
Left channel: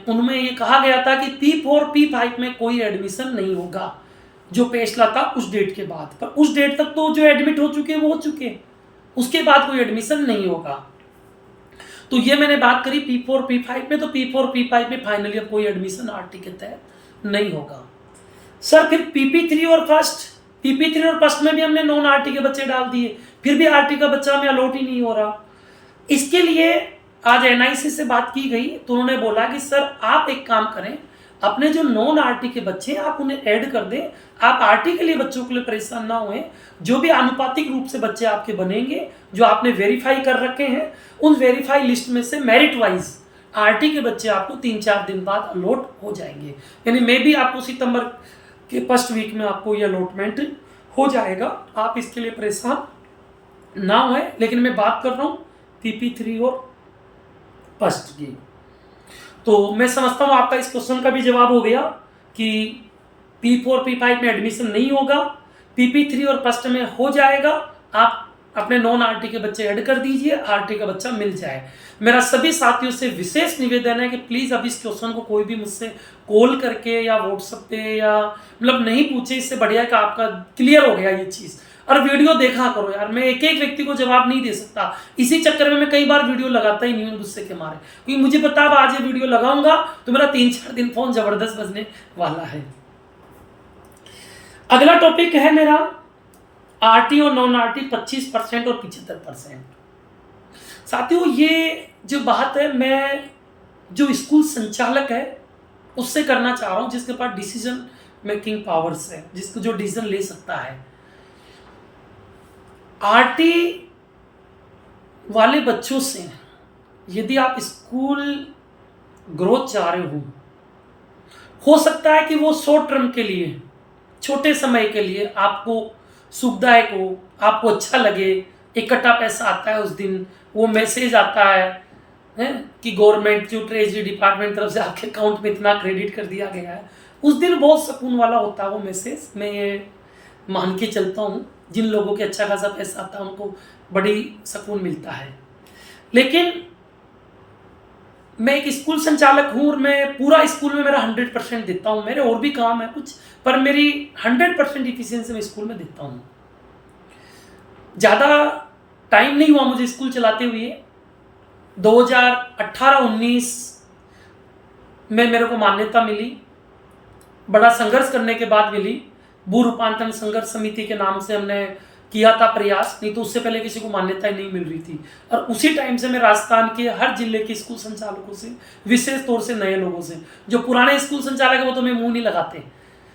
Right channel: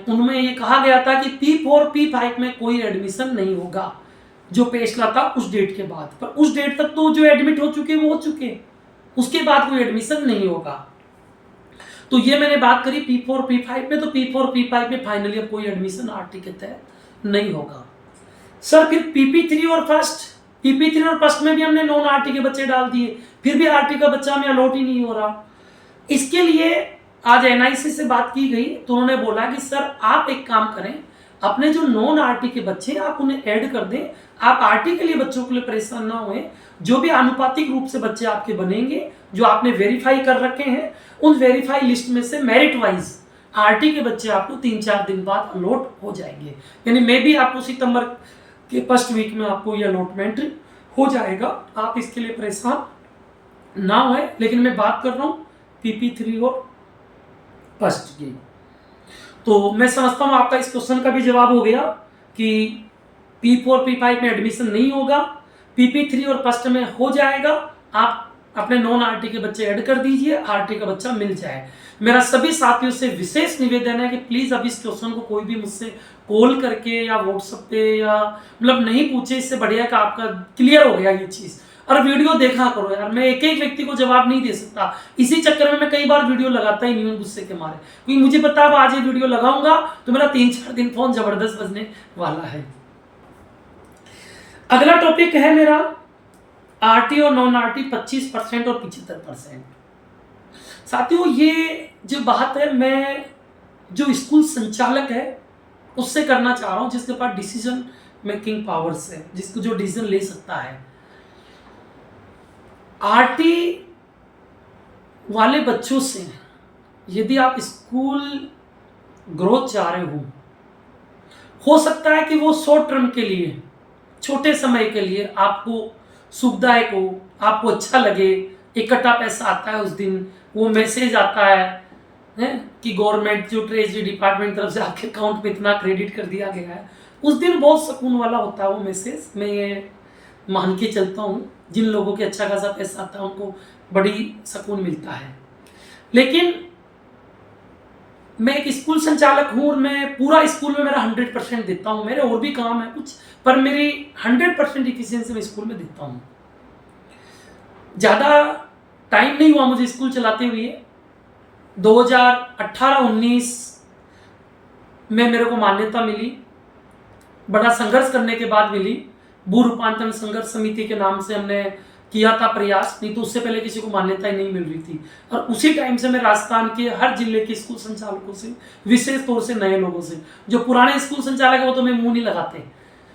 उनमें ये कहा गया था कि P4 P5 में कोई एडमिशन नहीं होगा, जो फैसला था उस डेट के बाद। पर उस डेट तक तो जो एडमिट हो चुके वो हो चुके, उसके बाद कोई एडमिशन नहीं होगा। तो ये मैंने बात करी P4 P5 में, तो P4 P5 में फाइनली अब कोई एडमिशन RT के तहत नहीं होगा। सर फिर PP3 और फर्स्ट में भी हमने नॉन RT के बच्चे डाल दिए, फिर भी RT का बच्चा हमें अलॉट ही नहीं हो रहा। इसके लिए आज NIC से बात की गई, तो उन्होंने बोला कि सर आप एक काम करें, अपने जो नॉन RT के बच्चे हैं आप उन्हें ऐड कर दें, आप RT के लिए बच्चों के लिए परेशान ना हुए। जो भी आनुपातिक रूप से बच्चे आपके बनेंगे, जो आपने वेरीफाई कर रखे हैं, उन वेरीफाई लिस्ट में से मेरिट वाइज RT के बच्चे आपको 3-4 दिन बाद अलॉट हो जाएंगे। यानी मे भी आपको सितंबर के फर्स्ट वीक में आपको ये अलॉटमेंट हो जाएगा, आप इसके लिए परेशान ना हुए। लेकिन मैं बात कर रहा हूँ PP3 और फर्स्ट की। तो मैं समझता हूँ आपका इस क्वेश्चन का भी जवाब हो गया कि P4 P5 में एडमिशन नहीं होगा, PP3 और फर्स्ट में हो जाएगा। आप अपने नॉन RT के बच्चे ऐड कर दीजिए, RT का बच्चा मिल जाए। मेरा सभी साथियों से विशेष निवेदन है कि प्लीज़ अब इस क्वेश्चन को कोई भी मुझसे कॉल करके या व्हाट्सएप पे या मतलब नहीं पूछे, इससे बढ़िया कि आपका क्लियर हो गया ये चीज़। और वीडियो देखा करो यार, मैं एक एक व्यक्ति को जवाब नहीं दे सकता, इसी चक्कर में मैं कई बार वीडियो लगाता ही नहीं हूँ गुस्से के मारे, क्योंकि मुझे पता अब आज ये वीडियो लगाऊंगा तो मेरा 3-4 दिन फोन जबरदस्त बजने वाला है। अगला टॉपिक है मेरा RT और नॉन RT 25% और 75%। साथियों ये जो बात है, मैं जो स्कूल संचालक है उससे करना चाह रहा हूँ, जिसके पास डिसीजन मेकिंग पावर्स है, जिसको जो डिसीजन ले सकता है। RT वाले बच्चों से यदि आप स्कूल ग्रोथ चाह रहे हो सकता है कि वो शॉर्ट टर्म के लिए, छोटे समय के लिए आपको सुखदायक हो, आपको अच्छा लगे, इकट्ठा पैसा आता है उस दिन, वो मैसेज आता है कि गवर्नमेंट जो ट्रेजरी डिपार्टमेंट तरफ से आपके अकाउंट में इतना क्रेडिट कर दिया गया है, उस दिन बहुत सुकून वाला होता है वो मैसेज। मैं ये मान के चलता हूँ, जिन लोगों के अच्छा खासा पैसा आता है उनको बड़ी सुकून मिलता है। लेकिन मैं एक स्कूल संचालक हूँ और मैं पूरा स्कूल में मेरा 100% देता हूँ, मेरे और भी काम है कुछ, पर मेरी 100% इफिशिएंसी मैं स्कूल में देता हूँ। ज़्यादा टाइम नहीं हुआ मुझे स्कूल चलाते हुए, 2018-19 में मेरे को मान्यता मिली, बड़ा संघर्ष करने के बाद मिली। भू रूपांतरण संघर्ष समिति के नाम से हमने किया था प्रयास, नहीं तो उससे पहले किसी को मान्यता ही नहीं मिल रही थी। और उसी टाइम से मैं राजस्थान के हर जिले के स्कूल संचालकों से, विशेष तौर से नए लोगों से, जो पुराने स्कूल संचालक है वो तो मैं मुंह नहीं लगाते,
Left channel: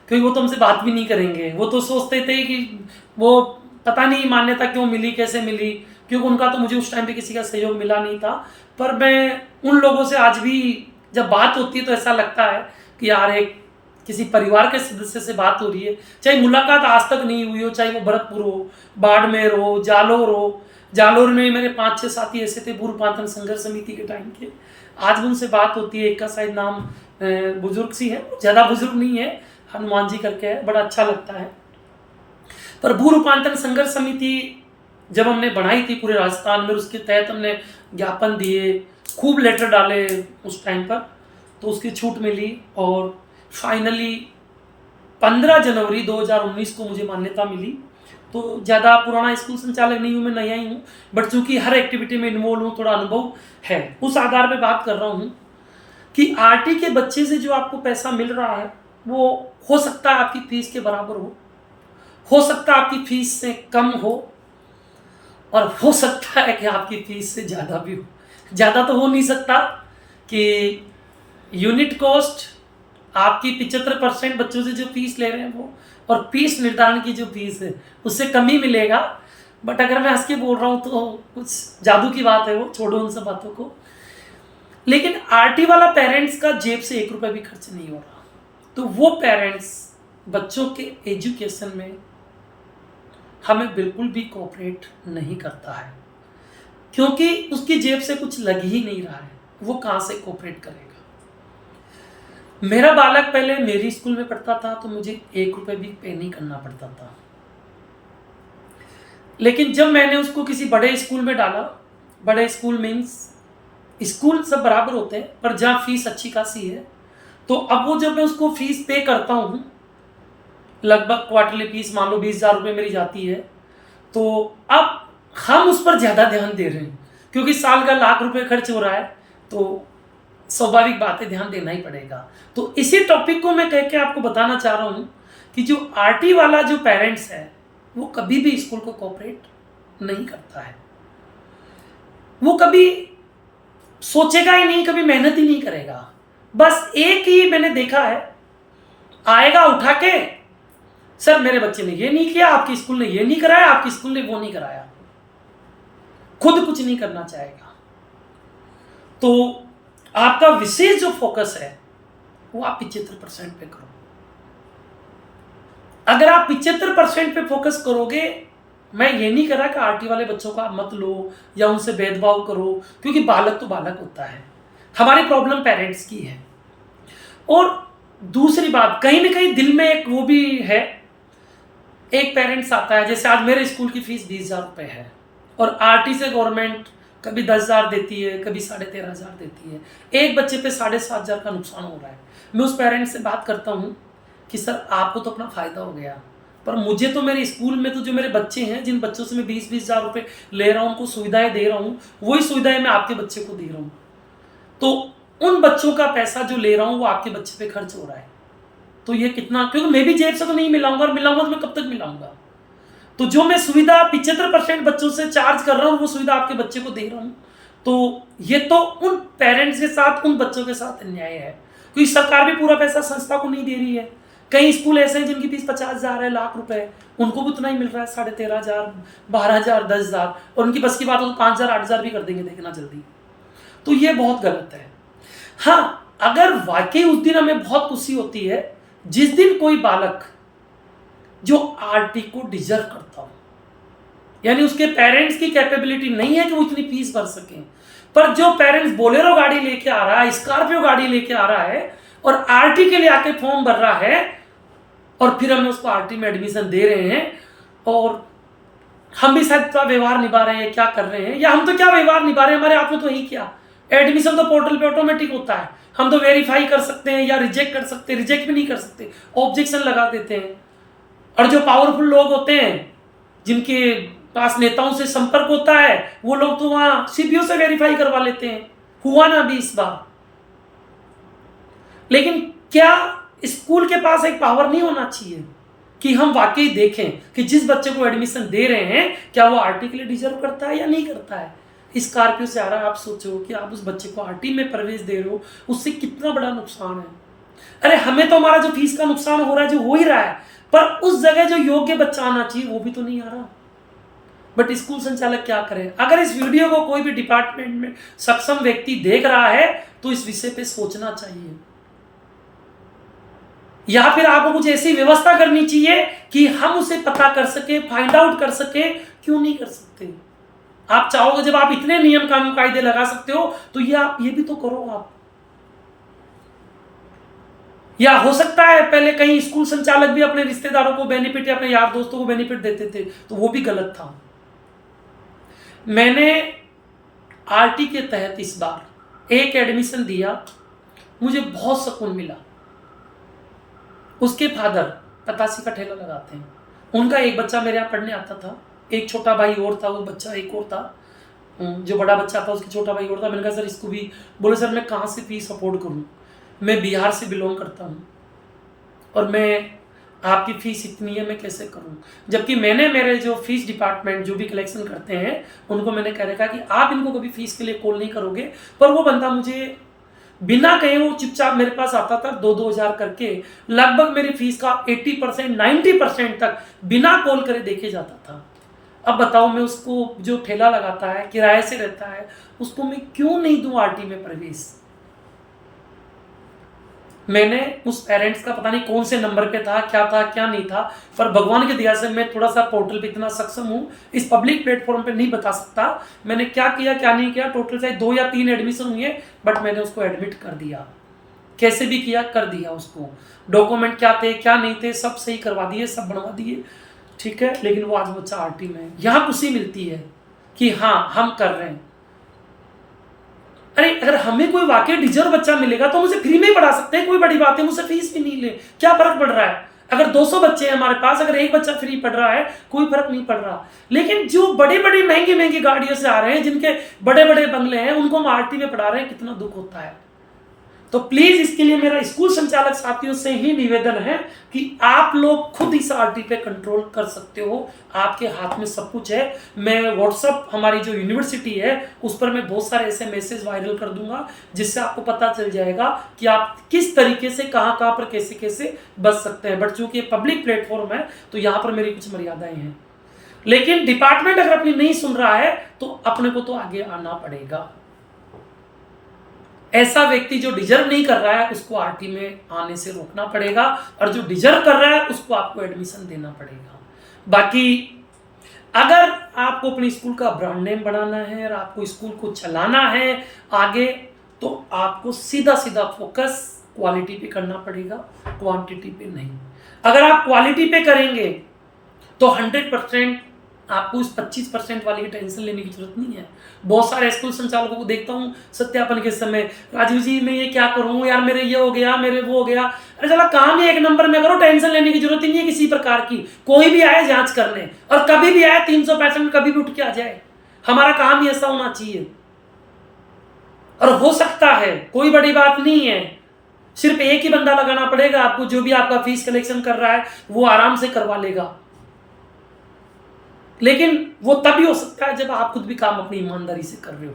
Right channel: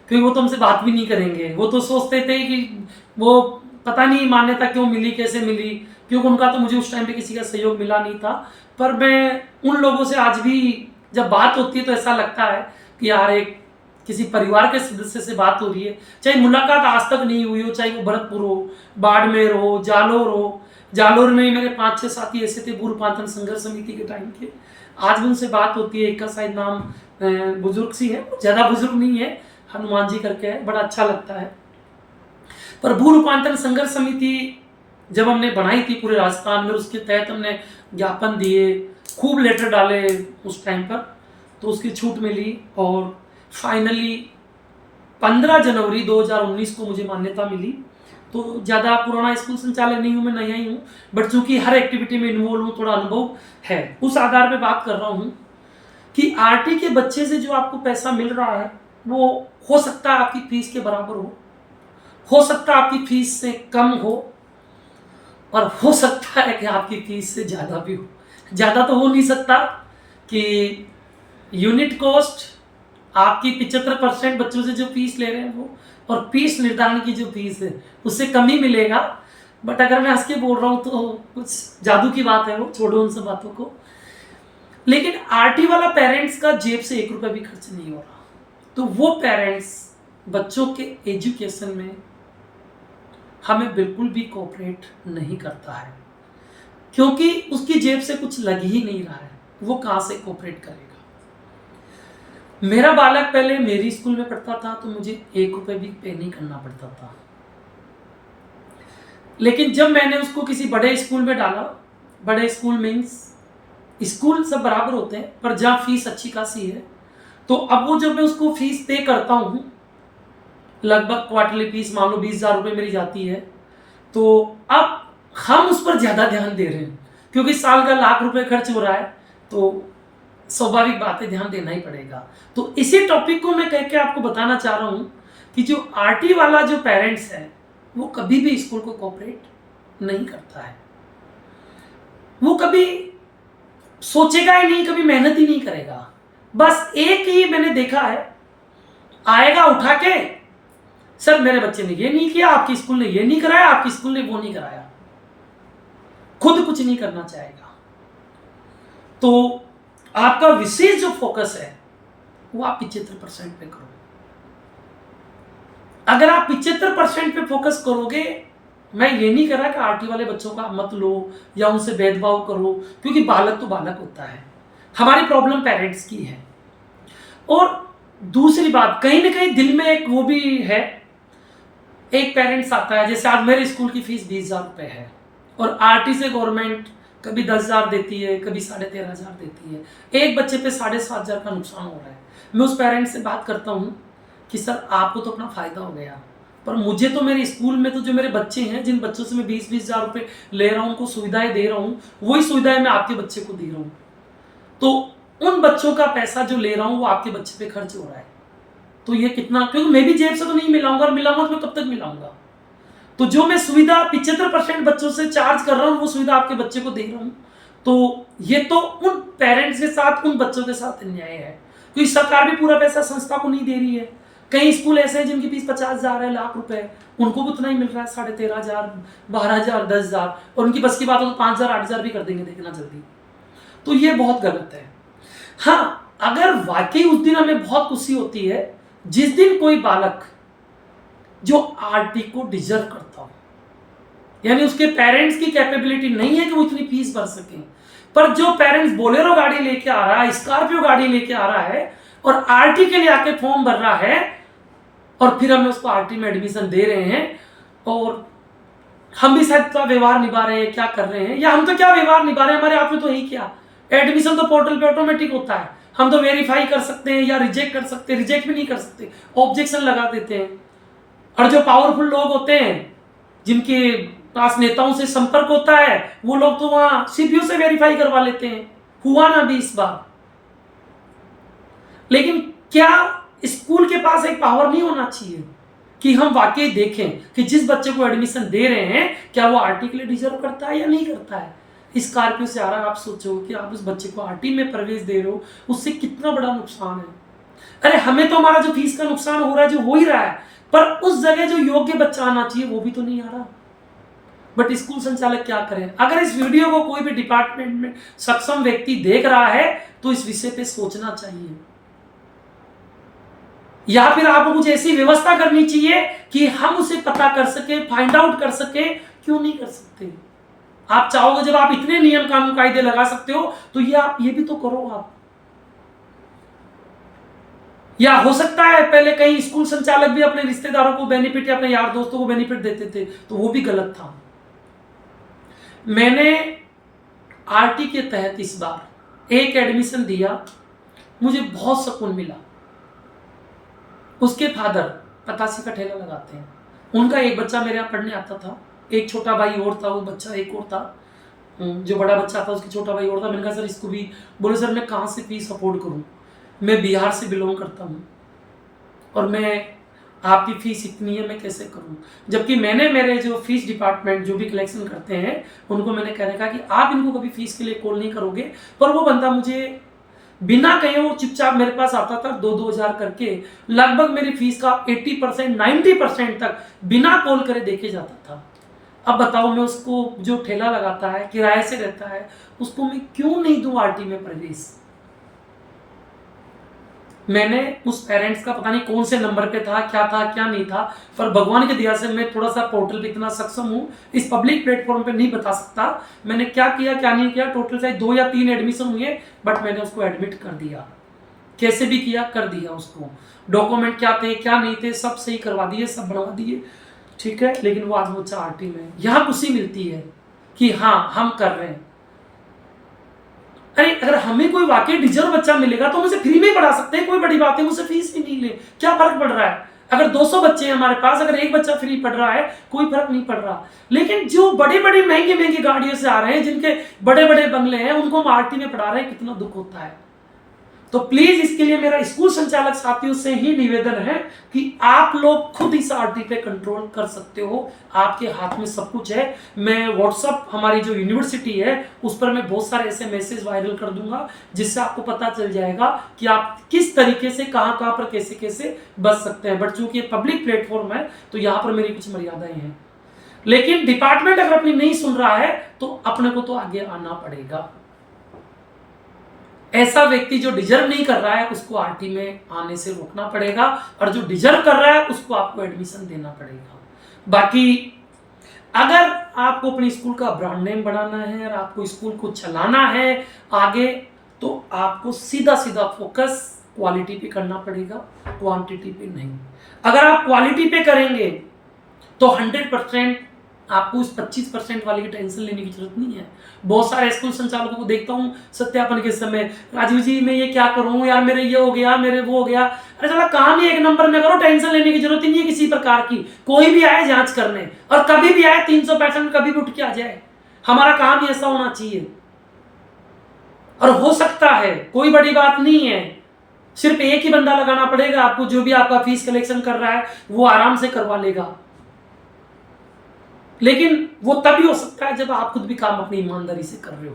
क्योंकि वो तो हमसे बात भी नहीं करेंगे। वो तो सोचते थे कि वो पता नहीं मान्यता क्यों मिली, कैसे मिली, क्योंकि उनका तो मुझे उस टाइम पे किसी का सहयोग मिला नहीं था। पर मैं उन लोगों से आज भी जब बात होती है तो ऐसा लगता है कि यार एक किसी परिवार के सदस्य से बात हो रही है, चाहे मुलाकात आज तक नहीं हुई हो, चाहे वो भरतपुर हो, बाड़मेर हो, जालोर हो। जालोर में मेरे 5-6 साथी ऐसे थे भू रूपांतरण संघर्ष समिति के टाइम के, आज भी उनसे बात होती है। एक का शायद नाम बुजुर्ग सी है, ज़्यादा बुजुर्ग नहीं है, हनुमान जी करके है, बड़ा अच्छा लगता है। पर भू रूपांतरण संघर्ष समिति जब हमने बनाई थी पूरे राजस्थान में, उसके तहत हमने ज्ञापन दिए, खूब लेटर डाले उस टाइम पर, तो उसकी छूट मिली और फाइनली 15 जनवरी 2019 को मुझे मान्यता मिली। तो ज़्यादा पुराना स्कूल संचालक नहीं हूँ, मैं नया ही हूँ, बट चूंकि हर एक्टिविटी में इन्वॉल्व हूँ, थोड़ा अनुभव है, उस आधार पे बात कर रहा हूँ कि आरटी के बच्चे से जो आपको पैसा मिल रहा है वो हो सकता है आपकी फीस के बराबर हो सकता है आपकी फीस से कम हो, और हो सकता है कि आपकी फीस से ज़्यादा भी हो। ज़्यादा तो हो नहीं सकता कि यूनिट कॉस्ट आपकी 75% बच्चों से जो फीस ले रहे हैं वो, और फीस निर्धारण की जो फीस है उससे कम ही मिलेगा। बट अगर मैं हंस के बोल रहा हूँ तो कुछ जादू की बात है, वो छोड़ो उन सब बातों को। लेकिन आरटी वाला पेरेंट्स का जेब से 1 रुपया भी खर्च नहीं हो रहा, तो वो पेरेंट्स बच्चों के एजुकेशन में हमें बिल्कुल भी कोऑपरेट नहीं करता है, क्योंकि उसकी जेब से कुछ लग ही नहीं रहा है, वो कहाँ से कोऑपरेट करेगा। मेरा बालक पहले मेरी स्कूल में पढ़ता था तो मुझे 1 रुपये भी पे नहीं करना पड़ता था, लेकिन जब मैंने उसको किसी बड़े स्कूल में डाला, बड़े स्कूल मीन्स स्कूल सब बराबर होते हैं पर जहाँ फीस अच्छी खासी है, तो अब वो जब मैं उसको फीस पे करता हूँ, लगभग क्वार्टरली फीस मान लो 20,000 रुपये मेरी जाती है, तो अब हम उस पर ज़्यादा ध्यान दे रहे हैं, क्योंकि साल का लाख रुपए खर्च हो रहा है, तो स्वाभाविक बात है ध्यान देना ही पड़ेगा। तो इसी टॉपिक को मैं कह के आपको बताना चाह रहा हूँ कि जो आरटी वाला जो पेरेंट्स है वो कभी भी स्कूल को कोऑपरेट नहीं करता है, वो कभी सोचेगा ही नहीं, कभी मेहनत ही नहीं करेगा। बस एक ही मैंने देखा है, आएगा उठा के, सर मेरे बच्चे ने ये नहीं किया, आपकी स्कूल ने ये नहीं कराया, आपकी स्कूल ने वो नहीं कराया, खुद कुछ नहीं करना चाहेगा। तो आपका विशेष जो फोकस है वो आप 75% पे करो। अगर आप 75% पे फोकस करोगे, मैं ये नहीं कह रहा कि आरटी वाले बच्चों का मत लो या उनसे भेदभाव करो, क्योंकि बालक तो बालक होता है, हमारी प्रॉब्लम पेरेंट्स की है। और दूसरी बात, कहीं ना कहीं दिल में एक वो भी है, एक पेरेंट्स आता है, जैसे आज मेरे स्कूल की फीस 20,000 रुपये है और आरटी से गवर्नमेंट कभी 10,000 देती है, कभी 13,500 देती है, एक बच्चे पे 7,500 का नुकसान हो रहा है। मैं उस पेरेंट्स से बात करता हूँ कि सर आपको तो अपना फ़ायदा हो गया, पर मुझे तो मेरे स्कूल में तो जो मेरे बच्चे हैं, जिन बच्चों से मैं 20,000 रुपये ले रहा हूँ, उनको सुविधाएं दे रहा हूँ, वही सुविधाएं मैं आपके बच्चे को दे रहा हूँ, तो उन बच्चों का पैसा जो ले रहा हूँ वो आपके बच्चे पे खर्च हो रहा है। तो ये कितना, क्योंकि मैं भी जेब से तो नहीं मिलाऊंगा, और मिलाऊंगा तो मैं कब तक मिलाऊंगा। तो जो मैं सुविधा 75% बच्चों से चार्ज कर रहा हूँ, वो सुविधा आपके बच्चे को दे रहा हूँ, तो ये तो उन पेरेंट्स के साथ, उन बच्चों के साथ अन्याय है, क्योंकि सरकार भी पूरा पैसा संस्था को नहीं दे रही है। कई स्कूल ऐसे हैं जिनकी फीस 50,000 है, लाख रुपए, उनको भी उतना ही मिल रहा है, 13,500, 12,000, 10,000, और उनकी बस की बात हो तो 5,000, 8,000 भी कर देंगे, देखना जल्दी। तो ये बहुत गलत है। हाँ, अगर वाकई उस दिन हमें बहुत खुशी होती है जिस दिन कोई बालक जो आरटी को डिजर्व करता हो, यानी उसके पेरेंट्स की कैपेबिलिटी नहीं है कि वो इतनी फीस भर सकें, पर जो पेरेंट्स बोलेरो गाड़ी लेके आ रहा है, स्कॉर्पियो गाड़ी लेके आ रहा है और आरटी के लिए आके फॉर्म भर रहा है, और फिर हमें उसको आरटी में एडमिशन दे रहे हैं, और हम भी शायद क्या व्यवहार निभा रहे हैं, क्या कर रहे हैं, या हम तो क्या व्यवहार निभा रहे हैं, हमारे हाथ में तो यही क्या, एडमिशन तो पोर्टल पे ऑटोमेटिक होता है, हम तो वेरीफाई कर सकते हैं या रिजेक्ट कर सकते हैं, रिजेक्ट भी नहीं कर सकते, ऑब्जेक्शन लगा देते हैं। और जो पावरफुल लोग होते हैं, जिनके पास नेताओं से संपर्क होता है, वो लोग तो वहां सीपीयू से वेरीफाई करवा लेते हैं, हुआ ना अभी इस बार। लेकिन क्या स्कूल के पास एक पावर नहीं होना चाहिए कि हम वाकई देखें कि जिस बच्चे को एडमिशन दे रहे हैं क्या वो आरटी के लिए डिजर्व करता है या नहीं करता है। स्कॉर्पियो से आ रहा है, आप सोचो कि आप उस बच्चे को आरटी में प्रवेश दे रहे हो, उससे कितना बड़ा नुकसान है। अरे हमें तो हमारा जो फीस का नुकसान हो रहा है जो हो ही रहा है, पर उस जगह जो योग्य बच्चा आना चाहिए वो भी तो नहीं आ रहा। बट स्कूल संचालक क्या करें। अगर इस वीडियो को कोई भी डिपार्टमेंट में सक्षम व्यक्ति देख रहा है तो इस विषय पे सोचना चाहिए, या फिर आपको कुछ ऐसी व्यवस्था करनी चाहिए कि हम उसे पता कर सके, फाइंड आउट कर सके। क्यों नहीं कर सकते? आप चाहोगे, जब आप इतने नियम कानून कायदे लगा सकते हो तो ये आप ये भी तो करो। आप या हो सकता है पहले कई स्कूल संचालक भी अपने रिश्तेदारों को बेनिफिट या अपने यार दोस्तों को बेनिफिट देते थे, तो वो भी गलत था। मैंने आरटी के तहत इस बार एक एडमिशन दिया, मुझे बहुत सुकून मिला। उसके फादर पतासी का ठेला लगाते हैं, उनका एक बच्चा मेरे यहाँ पढ़ने आता था, एक छोटा भाई और था, वो बच्चा एक और था, जो बड़ा बच्चा था उसकी छोटा भाई और था। मैंने कहा सर इसको भी, बोले सर मैं कहाँ से फीस अफोर्ड करूँ, मैं बिहार से बिलोंग करता हूँ और मैं आपकी फ़ीस इतनी है, मैं कैसे करूं। जबकि मैंने मेरे जो फीस डिपार्टमेंट जो भी कलेक्शन करते हैं उनको मैंने कह रखा कि आप इनको कभी फीस के लिए कॉल नहीं करोगे। पर वो बंदा मुझे बिना कहे वो चुपचाप मेरे पास आता था, 2-2 हज़ार करके लगभग मेरी फीस का 80% 90% तक बिना कॉल करे देके जाता था। अब बताओ, मैं उसको जो ठेला लगाता है, किराए से रहता है, उसको मैं क्यों नहीं दूं आरटी में प्रवेश। मैंने उस पेरेंट्स का पता नहीं कौन से नंबर पे था क्या नहीं था, पर भगवान की दया से मैं थोड़ा सा पोर्टल पे इतना सक्षम हूँ, इस पब्लिक प्लेटफॉर्म पे नहीं बता सकता मैंने क्या किया क्या नहीं किया। टोटल चाहे 2 या 3 एडमिशन हुए, बट मैंने उसको एडमिट कर दिया, कैसे भी किया कर दिया। उसको डॉक्यूमेंट क्या थे क्या नहीं थे सब सही करवा दिए, सब बनवा दिए, ठीक है। लेकिन वो आज बच्चा आरटी में, यहाँ खुशी मिलती है कि हाँ हम कर रहे हैं। अरे अगर हमें कोई वाकई डिजर्व बच्चा मिलेगा तो हम उसे फ्री में ही पढ़ा सकते हैं, कोई बड़ी बात है, मुझसे फीस भी नहीं ले, क्या फर्क पड़ रहा है। अगर 200 बच्चे हैं हमारे पास, अगर एक बच्चा फ्री पढ़ रहा है कोई फर्क नहीं पड़ रहा। लेकिन जो बड़े बड़े महंगी गाड़ियों से आ रहे हैं, जिनके बड़े बड़े बंगले हैं, उनको हम आरटी में पढ़ा रहे हैं, कितना दुख होता है। तो प्लीज इसके लिए मेरा स्कूल संचालक साथियों से ही निवेदन है कि आप लोग खुद इस आरटी पे कंट्रोल कर सकते हो, आपके हाथ में सब कुछ है। मैं व्हाट्सअप हमारी जो यूनिवर्सिटी है उस पर मैं बहुत सारे ऐसे मैसेज वायरल कर दूंगा, जिससे आपको पता चल जाएगा कि आप किस तरीके से कहां कहां पर कैसे कैसे बच सकते हैं। बट चूंकि ये पब्लिक प्लेटफॉर्म है तो यहां पर मेरी कुछ मर्यादाएं हैं। लेकिन डिपार्टमेंट अगर अपनी नहीं सुन रहा है तो अपने को तो आगे आना पड़ेगा। ऐसा व्यक्ति जो डिजर्व नहीं कर रहा है उसको आरटी में आने से रोकना पड़ेगा, और जो डिजर्व कर रहा है उसको आपको एडमिशन देना पड़ेगा। बाकी अगर आपको अपने स्कूल का ब्रांड नेम बनाना है और आपको स्कूल को चलाना है आगे, तो आपको सीधा सीधा फोकस क्वालिटी पे करना पड़ेगा, क्वांटिटी पे नहीं। अगर आप क्वालिटी पे करेंगे तो 100% आपको इस 25% वाली की टेंशन लेने की जरूरत नहीं है। बहुत सारे स्कूल संचालकों को देखता हूँ सत्यापन के समय, राजीव जी मैं ये क्या करूँ यार, मेरे ये हो गया, मेरे वो हो गया। अरे चला काम ही 1 नंबर में करो, टेंशन लेने की जरूरत ही नहीं है किसी प्रकार की। कोई भी आए जांच करने, और कभी भी आए 365 कभी भी उठ के आ जाए, हमारा काम ही ऐसा होना चाहिए। और हो सकता है, कोई बड़ी बात नहीं है, सिर्फ एक ही बंदा लगाना पड़ेगा आपको, जो भी आपका फीस कलेक्शन कर रहा है वो आराम से करवा लेगा। लेकिन वो तभी हो सकता है जब आप खुद भी काम अपनी ईमानदारी से कर रहे हो,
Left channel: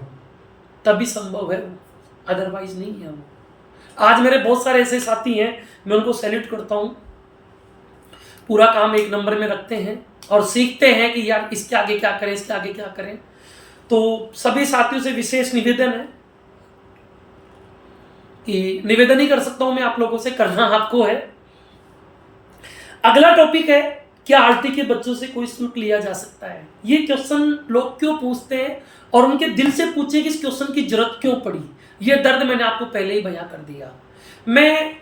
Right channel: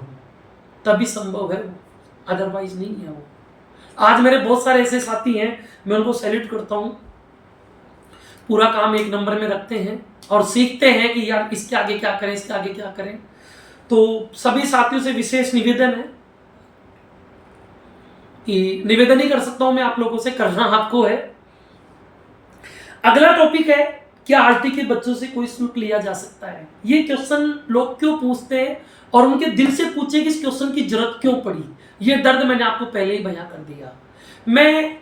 तभी संभव है वो, अदरवाइज नहीं है वो। आज मेरे बहुत सारे ऐसे साथी हैं, मैं उनको सैल्यूट करता हूँ, पूरा काम 1 नंबर में रखते हैं और सीखते हैं कि यार इसके आगे क्या करें, इसके आगे क्या करें। तो सभी साथियों से विशेष निवेदन है कि निवेदन ही कर सकता हूं मैं आप लोगों से, करना आपको है। अगला टॉपिक है, क्या आरटी के बच्चों से कोई शुल्क लिया जा सकता है। ये क्वेश्चन लोग क्यों पूछते हैं और उनके दिल से पूछे कि इस क्वेश्चन की जरूरत क्यों पड़ी। ये दर्द मैंने आपको पहले ही बयां कर दिया। मैं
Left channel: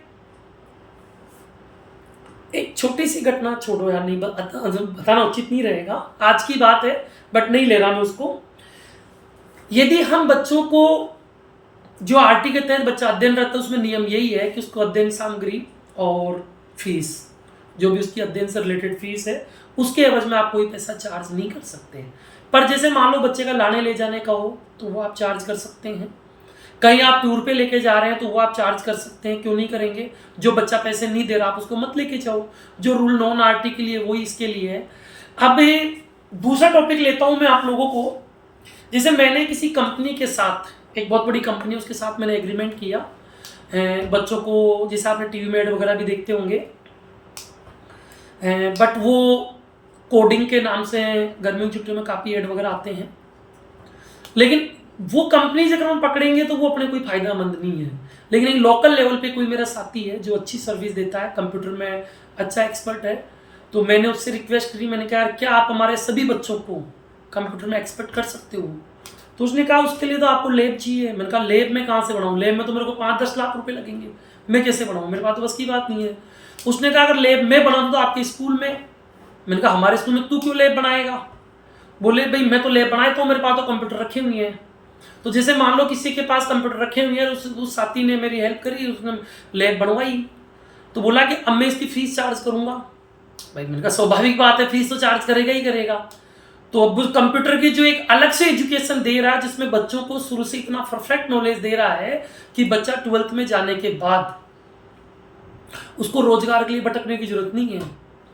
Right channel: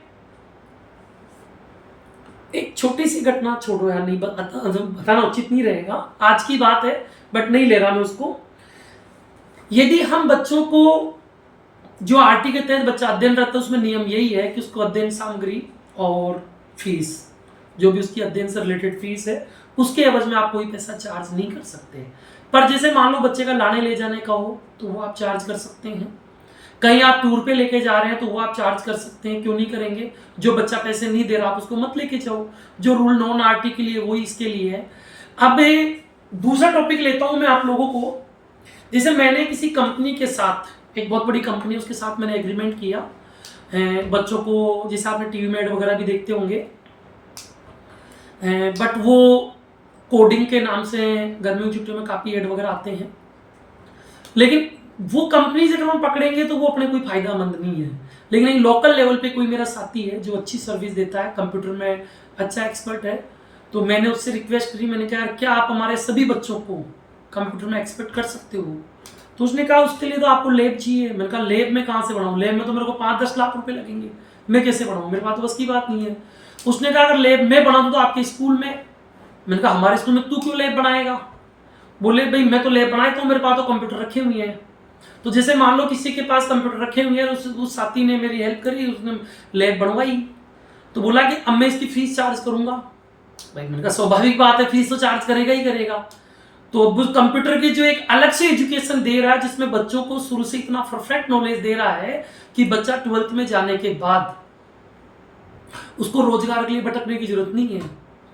एक छोटी सी घटना, छोड़ो यार, नहीं बताना उचित नहीं रहेगा, आज की बात है बट नहीं ले रहा मैं उसको। यदि हम बच्चों को, जो आरटी के तहत बच्चा अध्ययन रहता है उसमें नियम यही है कि उसको अध्ययन सामग्री और फीस, जो भी उसकी अध्ययन से रिलेटेड फीस है, उसके एवज में आप कोई पैसा चार्ज नहीं कर सकते। पर जैसे मान लो बच्चे का लाने ले जाने का हो तो वो आप चार्ज कर सकते हैं। कहीं आप टूर पे लेके जा रहे हैं तो वो आप चार्ज कर सकते हैं, क्यों नहीं करेंगे। जो बच्चा पैसे नहीं दे रहा आप उसको मत लेके जाओ, जो रूल नॉन आरटी के लिए वही इसके लिए है। अब दूसरा टॉपिक लेता हूं मैं आप लोगों को। जैसे मैंने किसी कंपनी के साथ, एक बहुत बड़ी कंपनी, उसके साथ मैंने एग्रीमेंट किया बच्चों को, जैसे आपने टीवी में एड वगैरह भी देखते होंगे, बट वो कोडिंग के नाम से गर्मियों की छुट्टियों में काफ़ी एड वगैरह आते हैं। लेकिन वो कंपनी से अगर हम पकड़ेंगे तो वो अपने कोई फायदामंद नहीं है। लेकिन एक लोकल लेवल पे कोई मेरा साथी है जो अच्छी सर्विस देता है, कंप्यूटर में अच्छा एक्सपर्ट है, तो मैंने उससे रिक्वेस्ट करी, मैंने कहा यार क्या आप हमारे सभी बच्चों को कंप्यूटर में एक्सपर्ट कर सकते हो। तो उसने कहा उसके लिए तो आपको लैब चाहिए। मैंने कहा लैब में कहाँ से बनाऊँ, लैब में तो मेरे को 5-10 लाख रुपए लगेंगे। मैं कैसे बनाऊँ, मेरे पास तो बस की बात नहीं है। उसने कहा अगर लैब मैं बना दूँ तो आपके स्कूल में। मैंने कहा हमारे स्कूल में तू क्यों लैब बनाएगा? बोले भाई मैं तो लैब बनाए तो मेरे पास तो कंप्यूटर रखे हुए हैं। तो जैसे मान लो किसी के पास कंप्यूटर रखे हुए हैं, उस साथी ने मेरी हेल्प करी, उसने लैब बनवाई। तो बोला कि अब मैं इसकी फीस चार्ज करूंगा। भाई मैंने कहा स्वाभाविक बात है, फीस तो चार्ज करेगा ही करेगा। तो अब उस कंप्यूटर की जो एक अलग से एजुकेशन दे रहा है, जिसमें बच्चों को शुरू से इतना परफेक्ट नॉलेज दे रहा है कि बच्चा 12th में जाने के बाद उसको रोजगार के लिए भटकने की जरूरत नहीं है।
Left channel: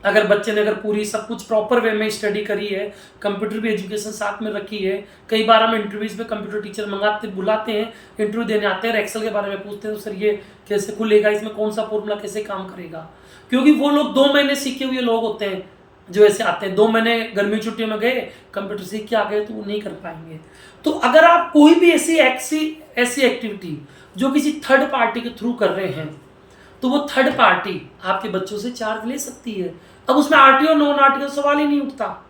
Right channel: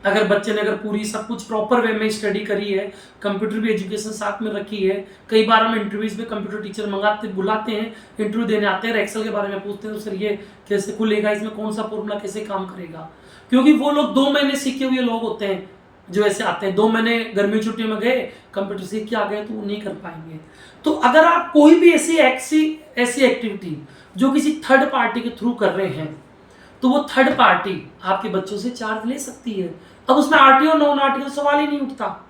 अगर बच्चे ने अगर पूरी सब कुछ प्रॉपर वे में स्टडी करी है, कंप्यूटर भी एजुकेशन साथ में रखी है। कई बार हम इंटरव्यूज में कंप्यूटर टीचर बुलाते हैं, इंटरव्यू देने आते हैं, एक्सेल के बारे में पूछते हैं, तो सर ये कैसे खुलेगा, इसमें कौन सा फॉर्मूला कैसे काम करेगा। क्योंकि वो लोग 2 महीने सीखे हुए लोग होते हैं जो ऐसे आते हैं, 2 महीने गर्मी छुट्टियों में गए, कंप्यूटर सीख के आ गए, तो वो नहीं कर पाएंगे। तो अगर आप कोई भी ऐसी एक्टिविटी जो किसी थर्ड पार्टी के थ्रू कर रहे हैं, तो वो थर्ड पार्टी आपके बच्चों से चार्ज ले सकती है। अब उसमें आरटीओ नॉन आरटीओ सवाल ही नहीं उठता,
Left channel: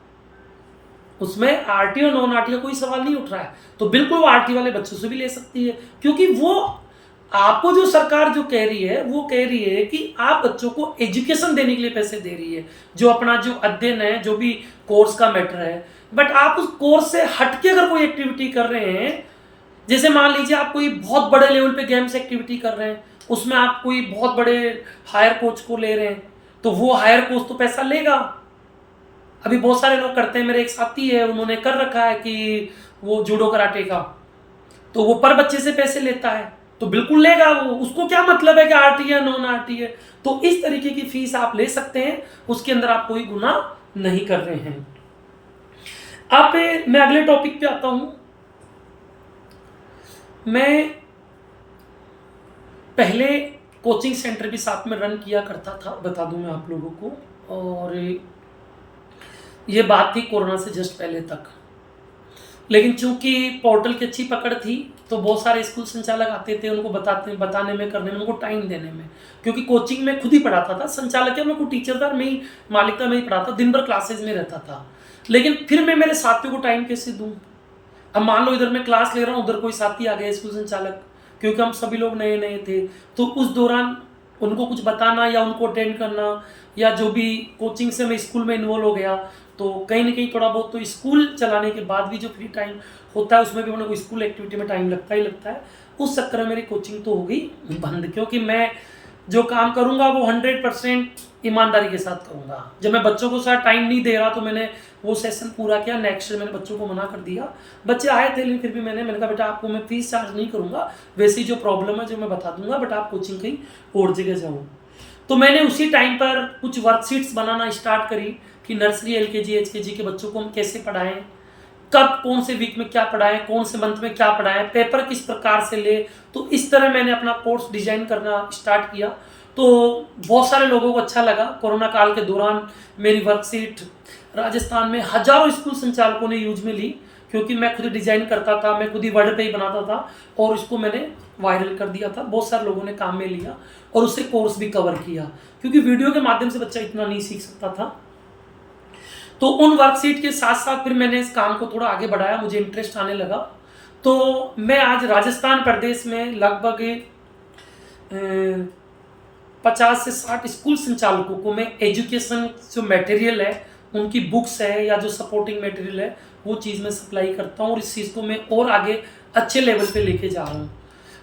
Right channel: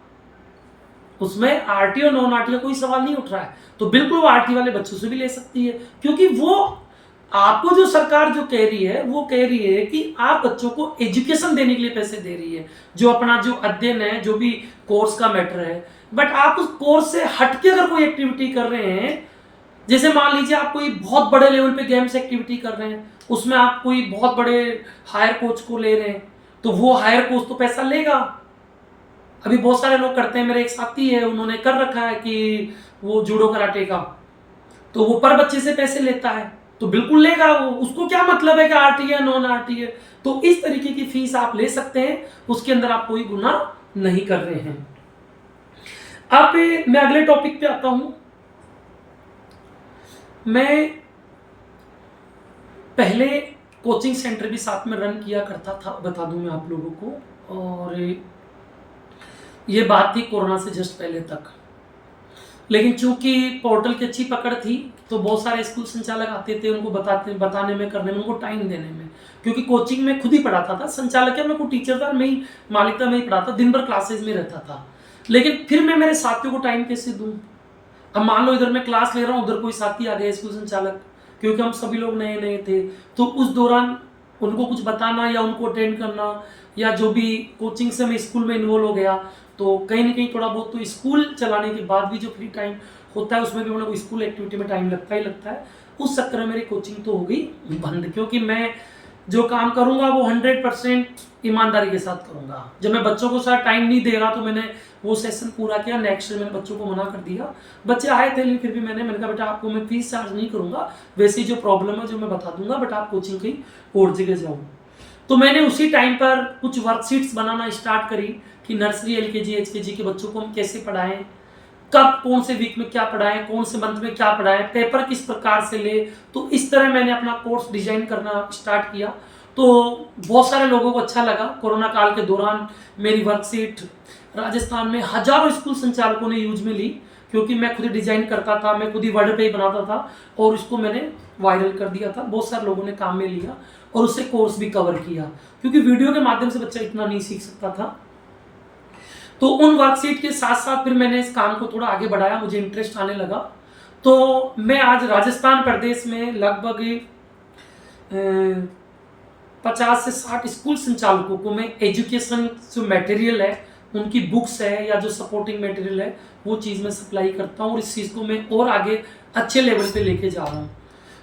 उसमें आरटीओ नॉन आरटीओ कोई सवाल नहीं उठ रहा है। तो बिल्कुल वो आरटी वाले बच्चों से भी ले सकती है, क्योंकि वो आपको जो सरकार जो कह रही है वो कह रही है कि आप बच्चों को एजुकेशन देने के लिए पैसे दे रही है, जो अपना जो अध्ययन है, जो भी कोर्स का मैटर है। बट आप उस कोर्स से हटके अगर कोई एक्टिविटी कर रहे हैं, जैसे मान लीजिए आप कोई बहुत बड़े लेवल पे गेम्स एक्टिविटी कर रहे हैं, उसमें आप कोई बहुत बड़े हायर कोच को ले रहे हैं, तो वो हायर कोच तो पैसा लेगा। अभी बहुत सारे लोग करते हैं, मेरे एक साथी है, उन्होंने कर रखा है कि वो जूडो कराटे का, तो वो पर बच्चे से पैसे लेता है, तो बिल्कुल लेगा वो। उसको क्या मतलब है कि आरटी है नॉन आरटी है। तो इस तरीके की फीस आप ले सकते हैं, उसके अंदर आप कोई गुनाह नहीं कर रहे हैं। अब मैं अगले टॉपिक पे आता हूं। मैं पहले कोचिंग सेंटर भी साथ में रन किया करता था, बता दूं मैं आप लोगों को। और ये बात थी कोरोना से जस्ट पहले तक। लेकिन चूंकि पोर्टल की अच्छी पकड़ थी, तो बहुत सारे स्कूल संचालक आते थे, उनको बताने में, करने में, उनको टाइम देने में। क्योंकि कोचिंग में खुद ही पढ़ाता था, संचालक क्या, मैं कोई टीचर था, मैं ही मालिक था, मैं ही पढ़ाता, दिन भर क्लासेज में रहता था। लेकिन फिर मैं मेरे साथियों को टाइम कैसे दूँ? अब मान लो इधर मैं क्लास ले रहा हूँ, उधर कोई साथी आ गया स्कूल संचालक, क्योंकि हम सभी लोग नए नए थे, तो उस दौरान उनको कुछ बताना या उनको अटेंड करना, या जो भी कोचिंग से मैं स्कूल में इन्वॉल्व हो गया, तो कहीं ना कहीं थोड़ा बहुत तो स्कूल चलाने के बाद भी जो फ्री टाइम होता है उसमें भी उन्हें कोई स्कूल एक्टिविटी में टाइम लगता ही लगता है। उस चक्कर में मेरी कोचिंग तो हो गई बंद, क्योंकि मैं जो काम करूँगा वो 100% ईमानदारी के साथ करूँगा। जब मैं बच्चों को साथ टाइम नहीं दे रहा, तो मैंने वो सेशन पूरा किया। नेक्स्ट मैंने बच्चों को मना कर दिया। बच्चे आए थे, लेकिन फिर भी मैंने कहा बेटा आपको मैं फीस चार्ज नहीं करूँगा, वैसी जो प्रॉब्लम है जो मैं बता दूंगा, बट आप कोचिंग कहीं और जगह जाओ। तो मैंने उसी टाइम पर कुछ वर्कशीट्स बनाना स्टार्ट करी कि नर्सरी एलकेजी एचकेजी के बच्चों को हम कैसे पढ़ाएं, कब कौन से वीक में क्या पढ़ाएं, कौन से मंथ में क्या पढ़ाएं, पेपर किस प्रकार से ले। तो इस तरह मैंने अपना कोर्स डिजाइन करना स्टार्ट किया। तो बहुत सारे लोगों को अच्छा लगा। कोरोना काल के दौरान मेरी वर्कशीट राजस्थान में हजारों स्कूल संचालकों ने यूज में ली, क्योंकि मैं खुद ही डिजाइन करता था, मैं खुद ही वर्ड पे ही बनाता था, और इसको मैंने वायरल कर दिया था। बहुत सारे लोगों ने काम में लिया और उससे कोर्स भी कवर किया, क्योंकि वीडियो के माध्यम से बच्चा इतना नहीं सीख सकता था। तो उन वर्कशीट के साथ साथ फिर मैंने इस काम को थोड़ा आगे बढ़ाया, मुझे इंटरेस्ट आने लगा। तो मैं आज राजस्थान प्रदेश में लगभग 50 से 60 स्कूल संचालकों को मैं एजुकेशन जो मटेरियल है, उनकी बुक्स है या जो सपोर्टिंग मटेरियल है, वो चीज़ मैं सप्लाई करता हूँ, और इस चीज़ को मैं और आगे अच्छे लेवल पे लेके जा रहा हूँ।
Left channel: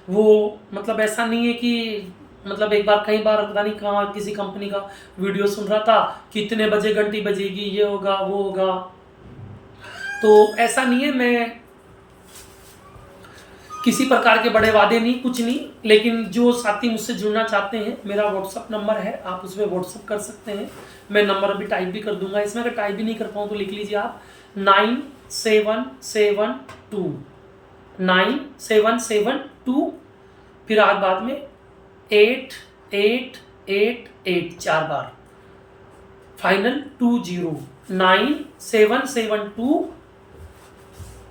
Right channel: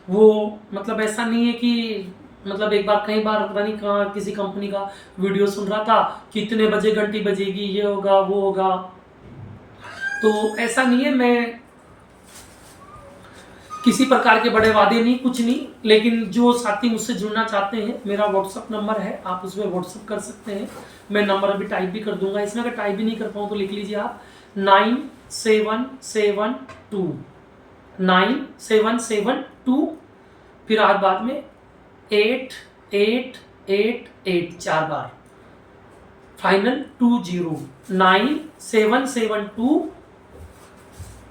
वो मतलब ऐसा नहीं है कि मतलब एक बार कई बार पता नहीं कहाँ किसी कंपनी का वीडियो सुन रहा था, कितने बजे घंटी बजेगी, ये होगा वो होगा। तो ऐसा नहीं है, मैं किसी प्रकार के बड़े वादे नहीं, कुछ नहीं। लेकिन जो साथी मुझसे जुड़ना चाहते हैं, मेरा व्हाट्सअप नंबर है, आप उस पर व्हाट्सअप कर सकते हैं। मैं नंबर अभी टाइप भी कर दूंगा इसमें, अगर टाइप भी नहीं कर पाऊँ तो लिख लीजिए आप 9772 फिर आज बाद में 8888 4 बार फाइनल 20 9772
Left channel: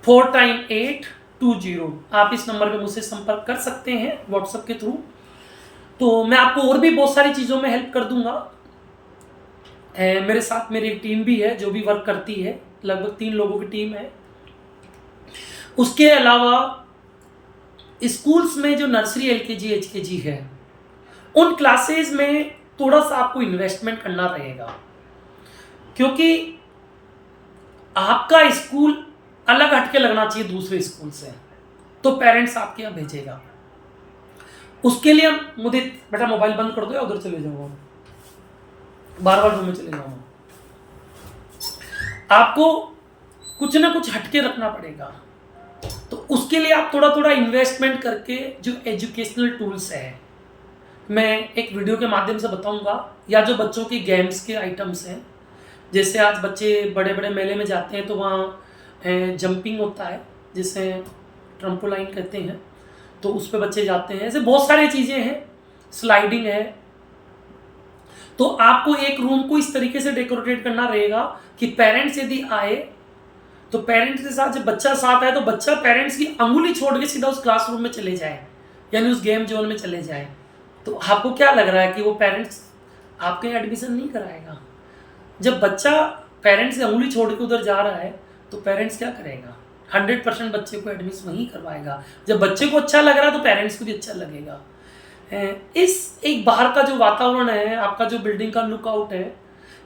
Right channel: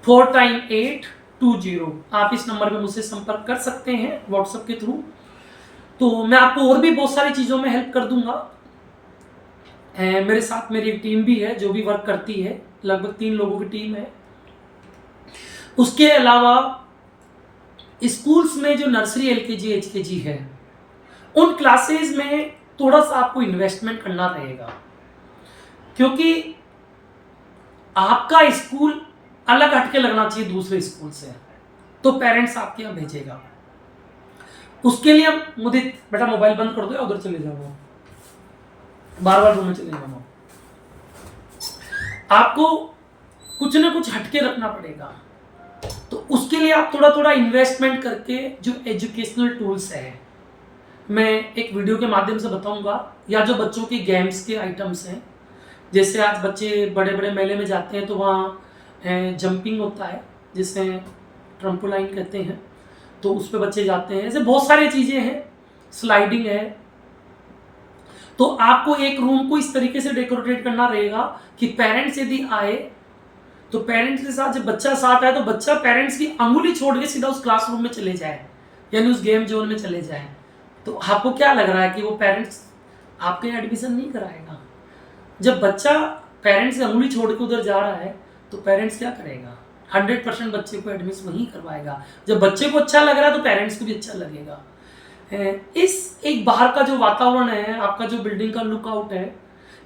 4 टाइम 820। आप इस नंबर पे मुझसे संपर्क कर सकते हैं व्हाट्सएप के थ्रू। तो मैं आपको और भी बहुत सारी चीज़ों में हेल्प कर दूंगा। मेरे साथ मेरी एक टीम भी है जो भी वर्क करती है, लगभग 3 लोगों की टीम है। उसके अलावा स्कूल्स में जो नर्सरी एलकेजी एचकेजी है, उन क्लासेस में थोड़ा सा आपको इन्वेस्टमेंट करना रहेगा, क्योंकि आपका स्कूल अलग हटके लगना चाहिए दूसरे स्कूल से, तो पेरेंट्स आपके यहाँ भेजेगा। उसके लिए हम मुदित बेटा मोबाइल बंद कर दो या उधर चले जाऊंगा, बार बार रूम में चले जाऊंगा। आपको कुछ ना कुछ हटके रखना पड़ेगा, तो उसके लिए आप थोड़ा थोड़ा इन्वेस्टमेंट करके जो एजुकेशनल टूल्स है मैं एक वीडियो के माध्यम से बताऊंगा, या जो बच्चों की गेम्स के आइटम्स हैं, जैसे आज बच्चे बड़े बड़े मेले में जाते हैं तो वहाँ जंपिंग होता है जिसे ट्रम्पोलाइन कहते हैं, तो उस पर बच्चे जाते हैं। ऐसे बहुत सारी चीज़ें हैं, स्लाइडिंग है। तो आपको एक रूम को इस तरीके से डेकोरेट करना रहेगा कि पेरेंट्स यदि आए तो पेरेंट्स के साथ जब बच्चा साथ आए तो बच्चा पेरेंट्स की अंगुली छोड़ के सीधा उस क्लासरूम में चले जाए, यानी उस गेम जोन में चले जाए। तो आपको क्या लग रहा है कि वो पेरेंट्स आपके एडमिशन नहीं कराएगा? जब बच्चा पेरेंट्स से अंगुली छोड़ के उधर जा रहा है तो पेरेंट्स क्या करेगा? 100% बच्चे को एडमिशन वहीं करवाएगा। जब बच्चे को अच्छा लग रहा है तो पेरेंट्स को भी अच्छा लगेगा। इस एक बाहर का जो वातावरण है, आपका जो बिल्डिंग का लुकआउट है,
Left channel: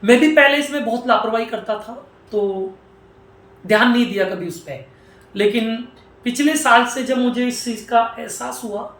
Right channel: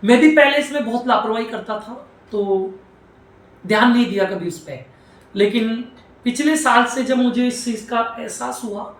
मैं भी पहले इसमें बहुत लापरवाही करता था, तो ध्यान नहीं दिया कभी उस पर। लेकिन पिछले साल से जब मुझे इस चीज़ का एहसास हुआ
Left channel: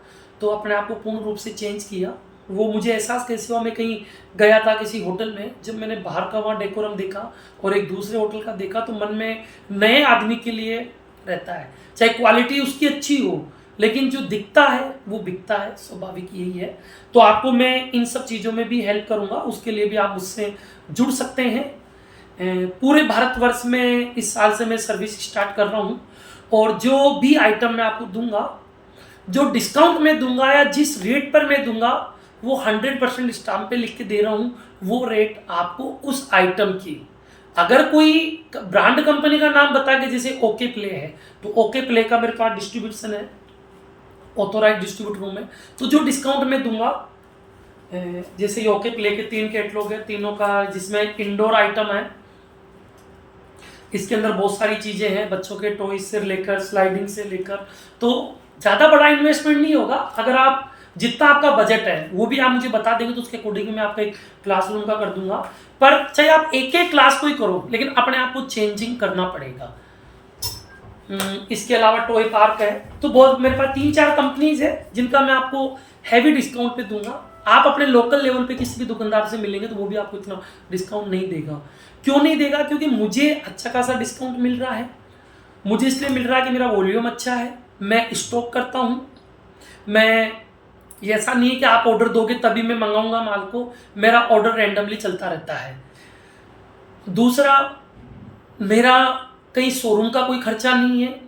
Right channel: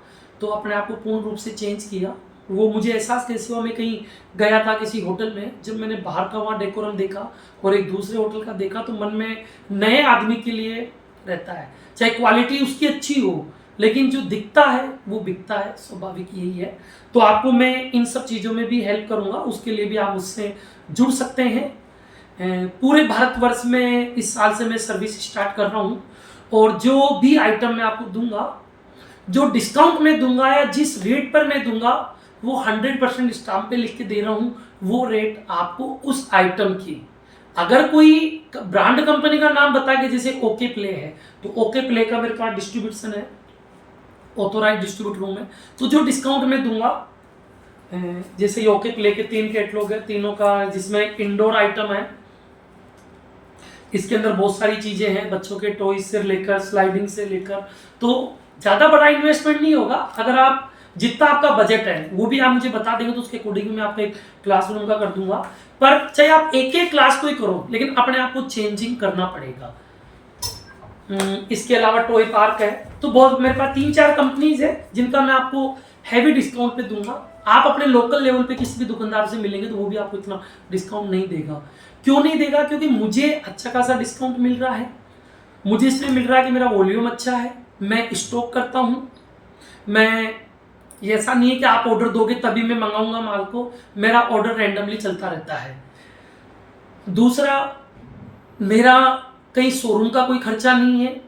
तो अपने आप को पूर्ण रूप से चेंज किया। वो मुझे एहसास कैसे हुआ, मैं कहीं गया था किसी होटल में, जब मैंने बाहर का वहाँ डेकोरम देखा और एक दूसरे होटल का देखा तो मन में नए आदमी के लिए रहता है, चाहे क्वालिटी उसकी अच्छी हो, लेकिन जो दिखता है वो बिकता है, स्वाभाविक यही है। तो आपको मैं इन सब चीज़ों में भी हेल्प करूँगा, उसके लिए भी आप मुझसे जुड़ सकते हैं। पूरे भारतवर्ष में इस साल से मैं सर्विस स्टार्ट कर रहा हूँ, और जो भी आइटम मैं आपको दूंगा, जो डिस्काउंट में दूंगा या जिस रेट पर मैं दूंगा, वो 100% स्टाम्प पे लिख के दे रहा हूँ। वो रेट आपको उस आइटम की, अगर कोई ब्रांड कंपनी का नाम बता के, जैसे ओके प्ले है तो ओके प्ले का मेरे पास डिस्ट्रीब्यूशन है, ऑथोराइज डिस्ट्रीब्यूटर हूँ मैं, तो जो डिस्काउंट में दूंगा, जैसे ये ओके प्ले के 3 कैटलॉग है, तीनों का जिसमें इंडोर आइटम है, इसके अंदर बहुत सारी चीज़ें हैं, बच्चों के टॉयज से लेकर स्लाइडिंग से लेकर, तो ज़्यादा बड़ा इन्वेस्टमेंट नहीं होगा। अगर आप जितना आपका बजट है वो भी आप मुझे बता देंगे तो उसके अकॉर्डिंग मैं आपका एक क्लासरूम का कर दूंगा। पर चाहे आप एक एक क्लास को ही करो, लेकिन अपने आप को चेंजिंग करना पड़ेगा। इसके अलावा टॉय पार्क है, तो बहुत मेरे पास 3-4 कंपनीज है जिनका मैं आपको हैवी डिस्काउंट पे दूंगा। आप अपने लोकल लेवल पे किसी भी दुकानदार से मिलेंगे तो वो भी आपको इतना डिस्काउंट नहीं देगा। क्यों नहीं देगा? क्योंकि मुझे अच्छा खासा डिस्काउंट मिल रहा है। मुझे इसलिए मिल रहा है कि मेरा वॉल्यूम अच्छा है, मैं स्टॉक करता हूँ। मैं ये ऐसा नहीं है कि आप ऑर्डर दोगे तभी मैं मंगाऊंगा माल को, मेरा ऑर्डर रैंडमली चलता रहता है। दूसरा, मेरा कहीं शोरूम का कोई खर्चा नहीं है,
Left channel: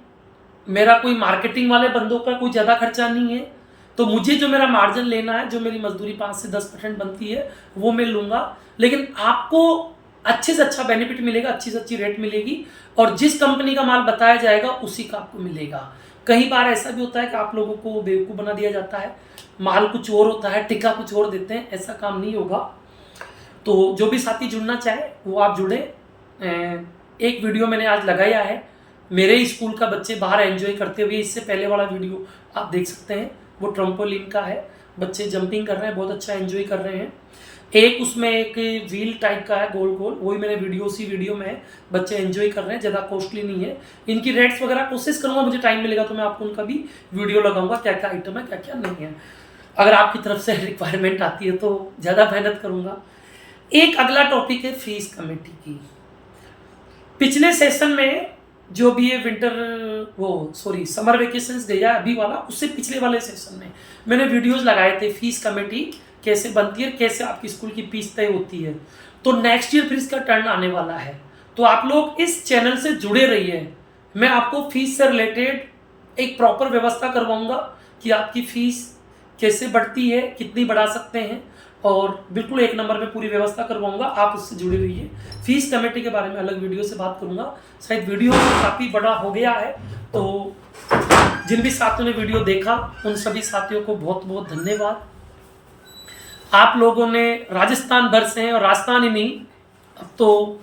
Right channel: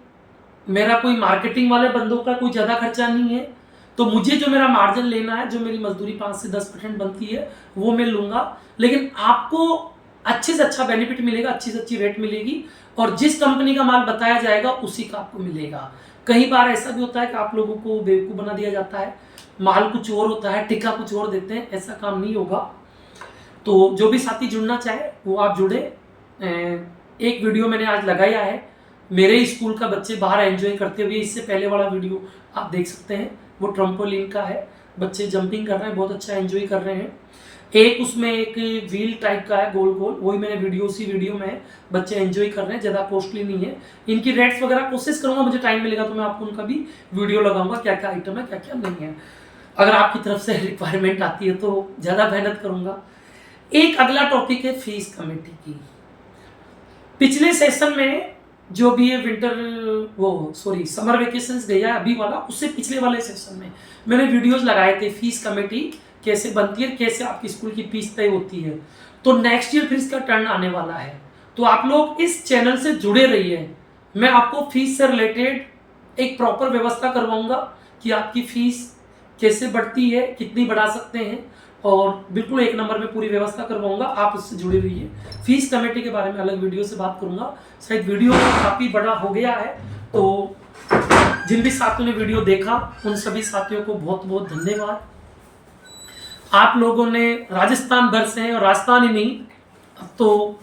मेरा कोई मार्केटिंग वाले बंदों का कोई ज़्यादा खर्चा नहीं है। तो मुझे जो मेरा मार्जिन लेना है, जो मेरी मजदूरी 5 से 10% बनती है, वो मैं लूँगा। लेकिन आपको अच्छे से अच्छा बेनिफिट मिलेगा, अच्छी से अच्छी रेट मिलेगी, और जिस कंपनी का माल बताया जाएगा उसी का आपको मिलेगा। कई बार ऐसा भी होता है कि आप लोगों को बेवकूफ़ बना दिया जाता है, माल कुछ और होता है, टिक्का कुछ और देते हैं। ऐसा काम नहीं होगा। तो जो भी साथी जुड़ना चाहे वो आप जुड़े। एक वीडियो मैंने आज लगाया है, मेरे स्कूल का बच्चे बाहर एंजॉय करते हुए, इससे पहले वाला वीडियो आप देख सकते हैं, वो ट्रम्पोलिन का है, बच्चे जंपिंग कर रहे हैं, बहुत अच्छा एंजॉय कर रहे हैं। एक उसमें एक व्हील टाइप का है गोल गोल, वही मैंने उसी वीडियो में है, बच्चे एंजॉय कर रहे हैं, ज़्यादा कॉस्टली नहीं है। इनकी रेट्स वगैरह कोशिश करूँगा, मुझे टाइम मिलेगा तो मैं आपको उनका भी वीडियो लगाऊंगा, क्या क्या आइटम है क्या क्या नहीं है। अगर आपकी तरफ से रिक्वायरमेंट आती है तो ज़्यादा मेहनत करूँगा। एक अगला टॉपिक है फीस कमेटी की। पिछले सेशन में जो भी ये समर वेकेशन गया अभी वाला, उससे पिछले वाले सेशन में मैंने वीडियोस लगाए थे फीस कमेटी कैसे बनती है, कैसे आपकी स्कूल की फीस तय होती है। तो नेक्स्ट ईयर फिर इसका टर्न आने वाला है, तो आप लोग इस चैनल से जुड़े रहिए। मैं आपको फीस से रिलेटेड एक प्रॉपर व्यवस्था करवाऊंगा कि आपकी फीस कैसे बढ़ती है, कितनी बढ़ा सकते हैं, और बिल्कुल 1 नंबर में पूरी व्यवस्था करवाऊंगा। आप उससे जुड़े रहिए। फीस कमेटी के बारे में अलग वीडियो से बात करूंगा। शायद वीडियो काफ़ी बड़ा हो गया है, तो जिन भी साथियों ने वीडियो देखा उन सभी साथियों को बहुत बहुत धन्यवाद। आप लोगों ने राजस्थान भर से हैं, और राजस्थान ही नहीं, अब तो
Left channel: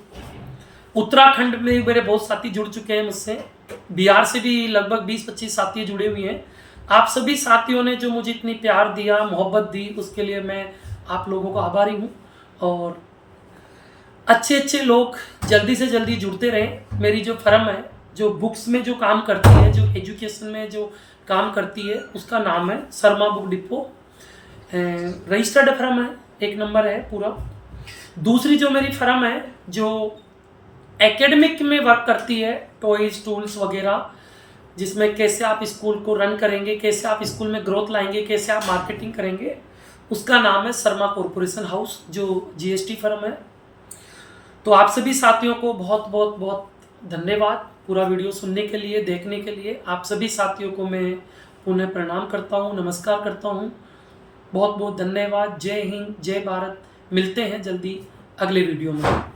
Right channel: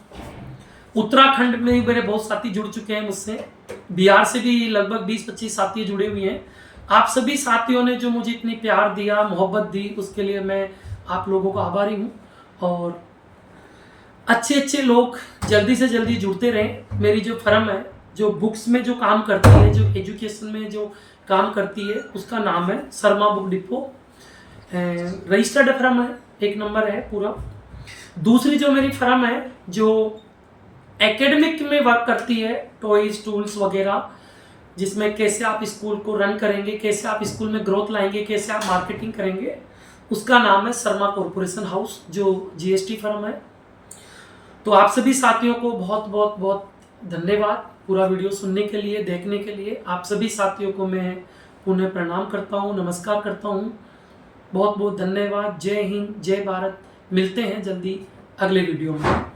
उत्तराखंड में मेरे बहुत साथी जुड़ चुके हैं मुझसे, बिहार से भी लगभग 20-25 साथी जुड़े हुए हैं। आप सभी साथियों ने जो मुझे इतनी प्यार दिया, मोहब्बत दी, उसके लिए मैं आप लोगों का आभारी हूँ। और अच्छे अच्छे लोग जल्दी से जल्दी जुड़ते रहें। मेरी जो फर्म है, जो बुक्स में जो काम करती है, जो एजुकेशन में जो काम करती है, उसका नाम है Sharma book depot. Registered firm है, 1 नंबर है पूरा। दूसरी जो मेरी फर्म है, जो एकेडमिक में वर्क करती है, टॉयज, टूल्स वगैरह, जिसमें कैसे आप स्कूल को रन करेंगे, कैसे आप स्कूल में ग्रोथ लाएंगे, कैसे आप मार्केटिंग करेंगे, उसका नाम है शर्मा कॉरपोरेशन हाउस, जो जीएसटी फर्म है। तो आप सभी साथियों को बहुत बहुत बहुत धन्यवाद पूरा वीडियो सुनने के लिए, देखने के लिए। आप सभी साथियों को मैं पुनः प्रणाम करता हूँ, नमस्कार करता हूँ। बहुत बहुत धन्यवाद। जय हिंद, जय भारत। मिलते हैं जल्दी अगले वीडियो में।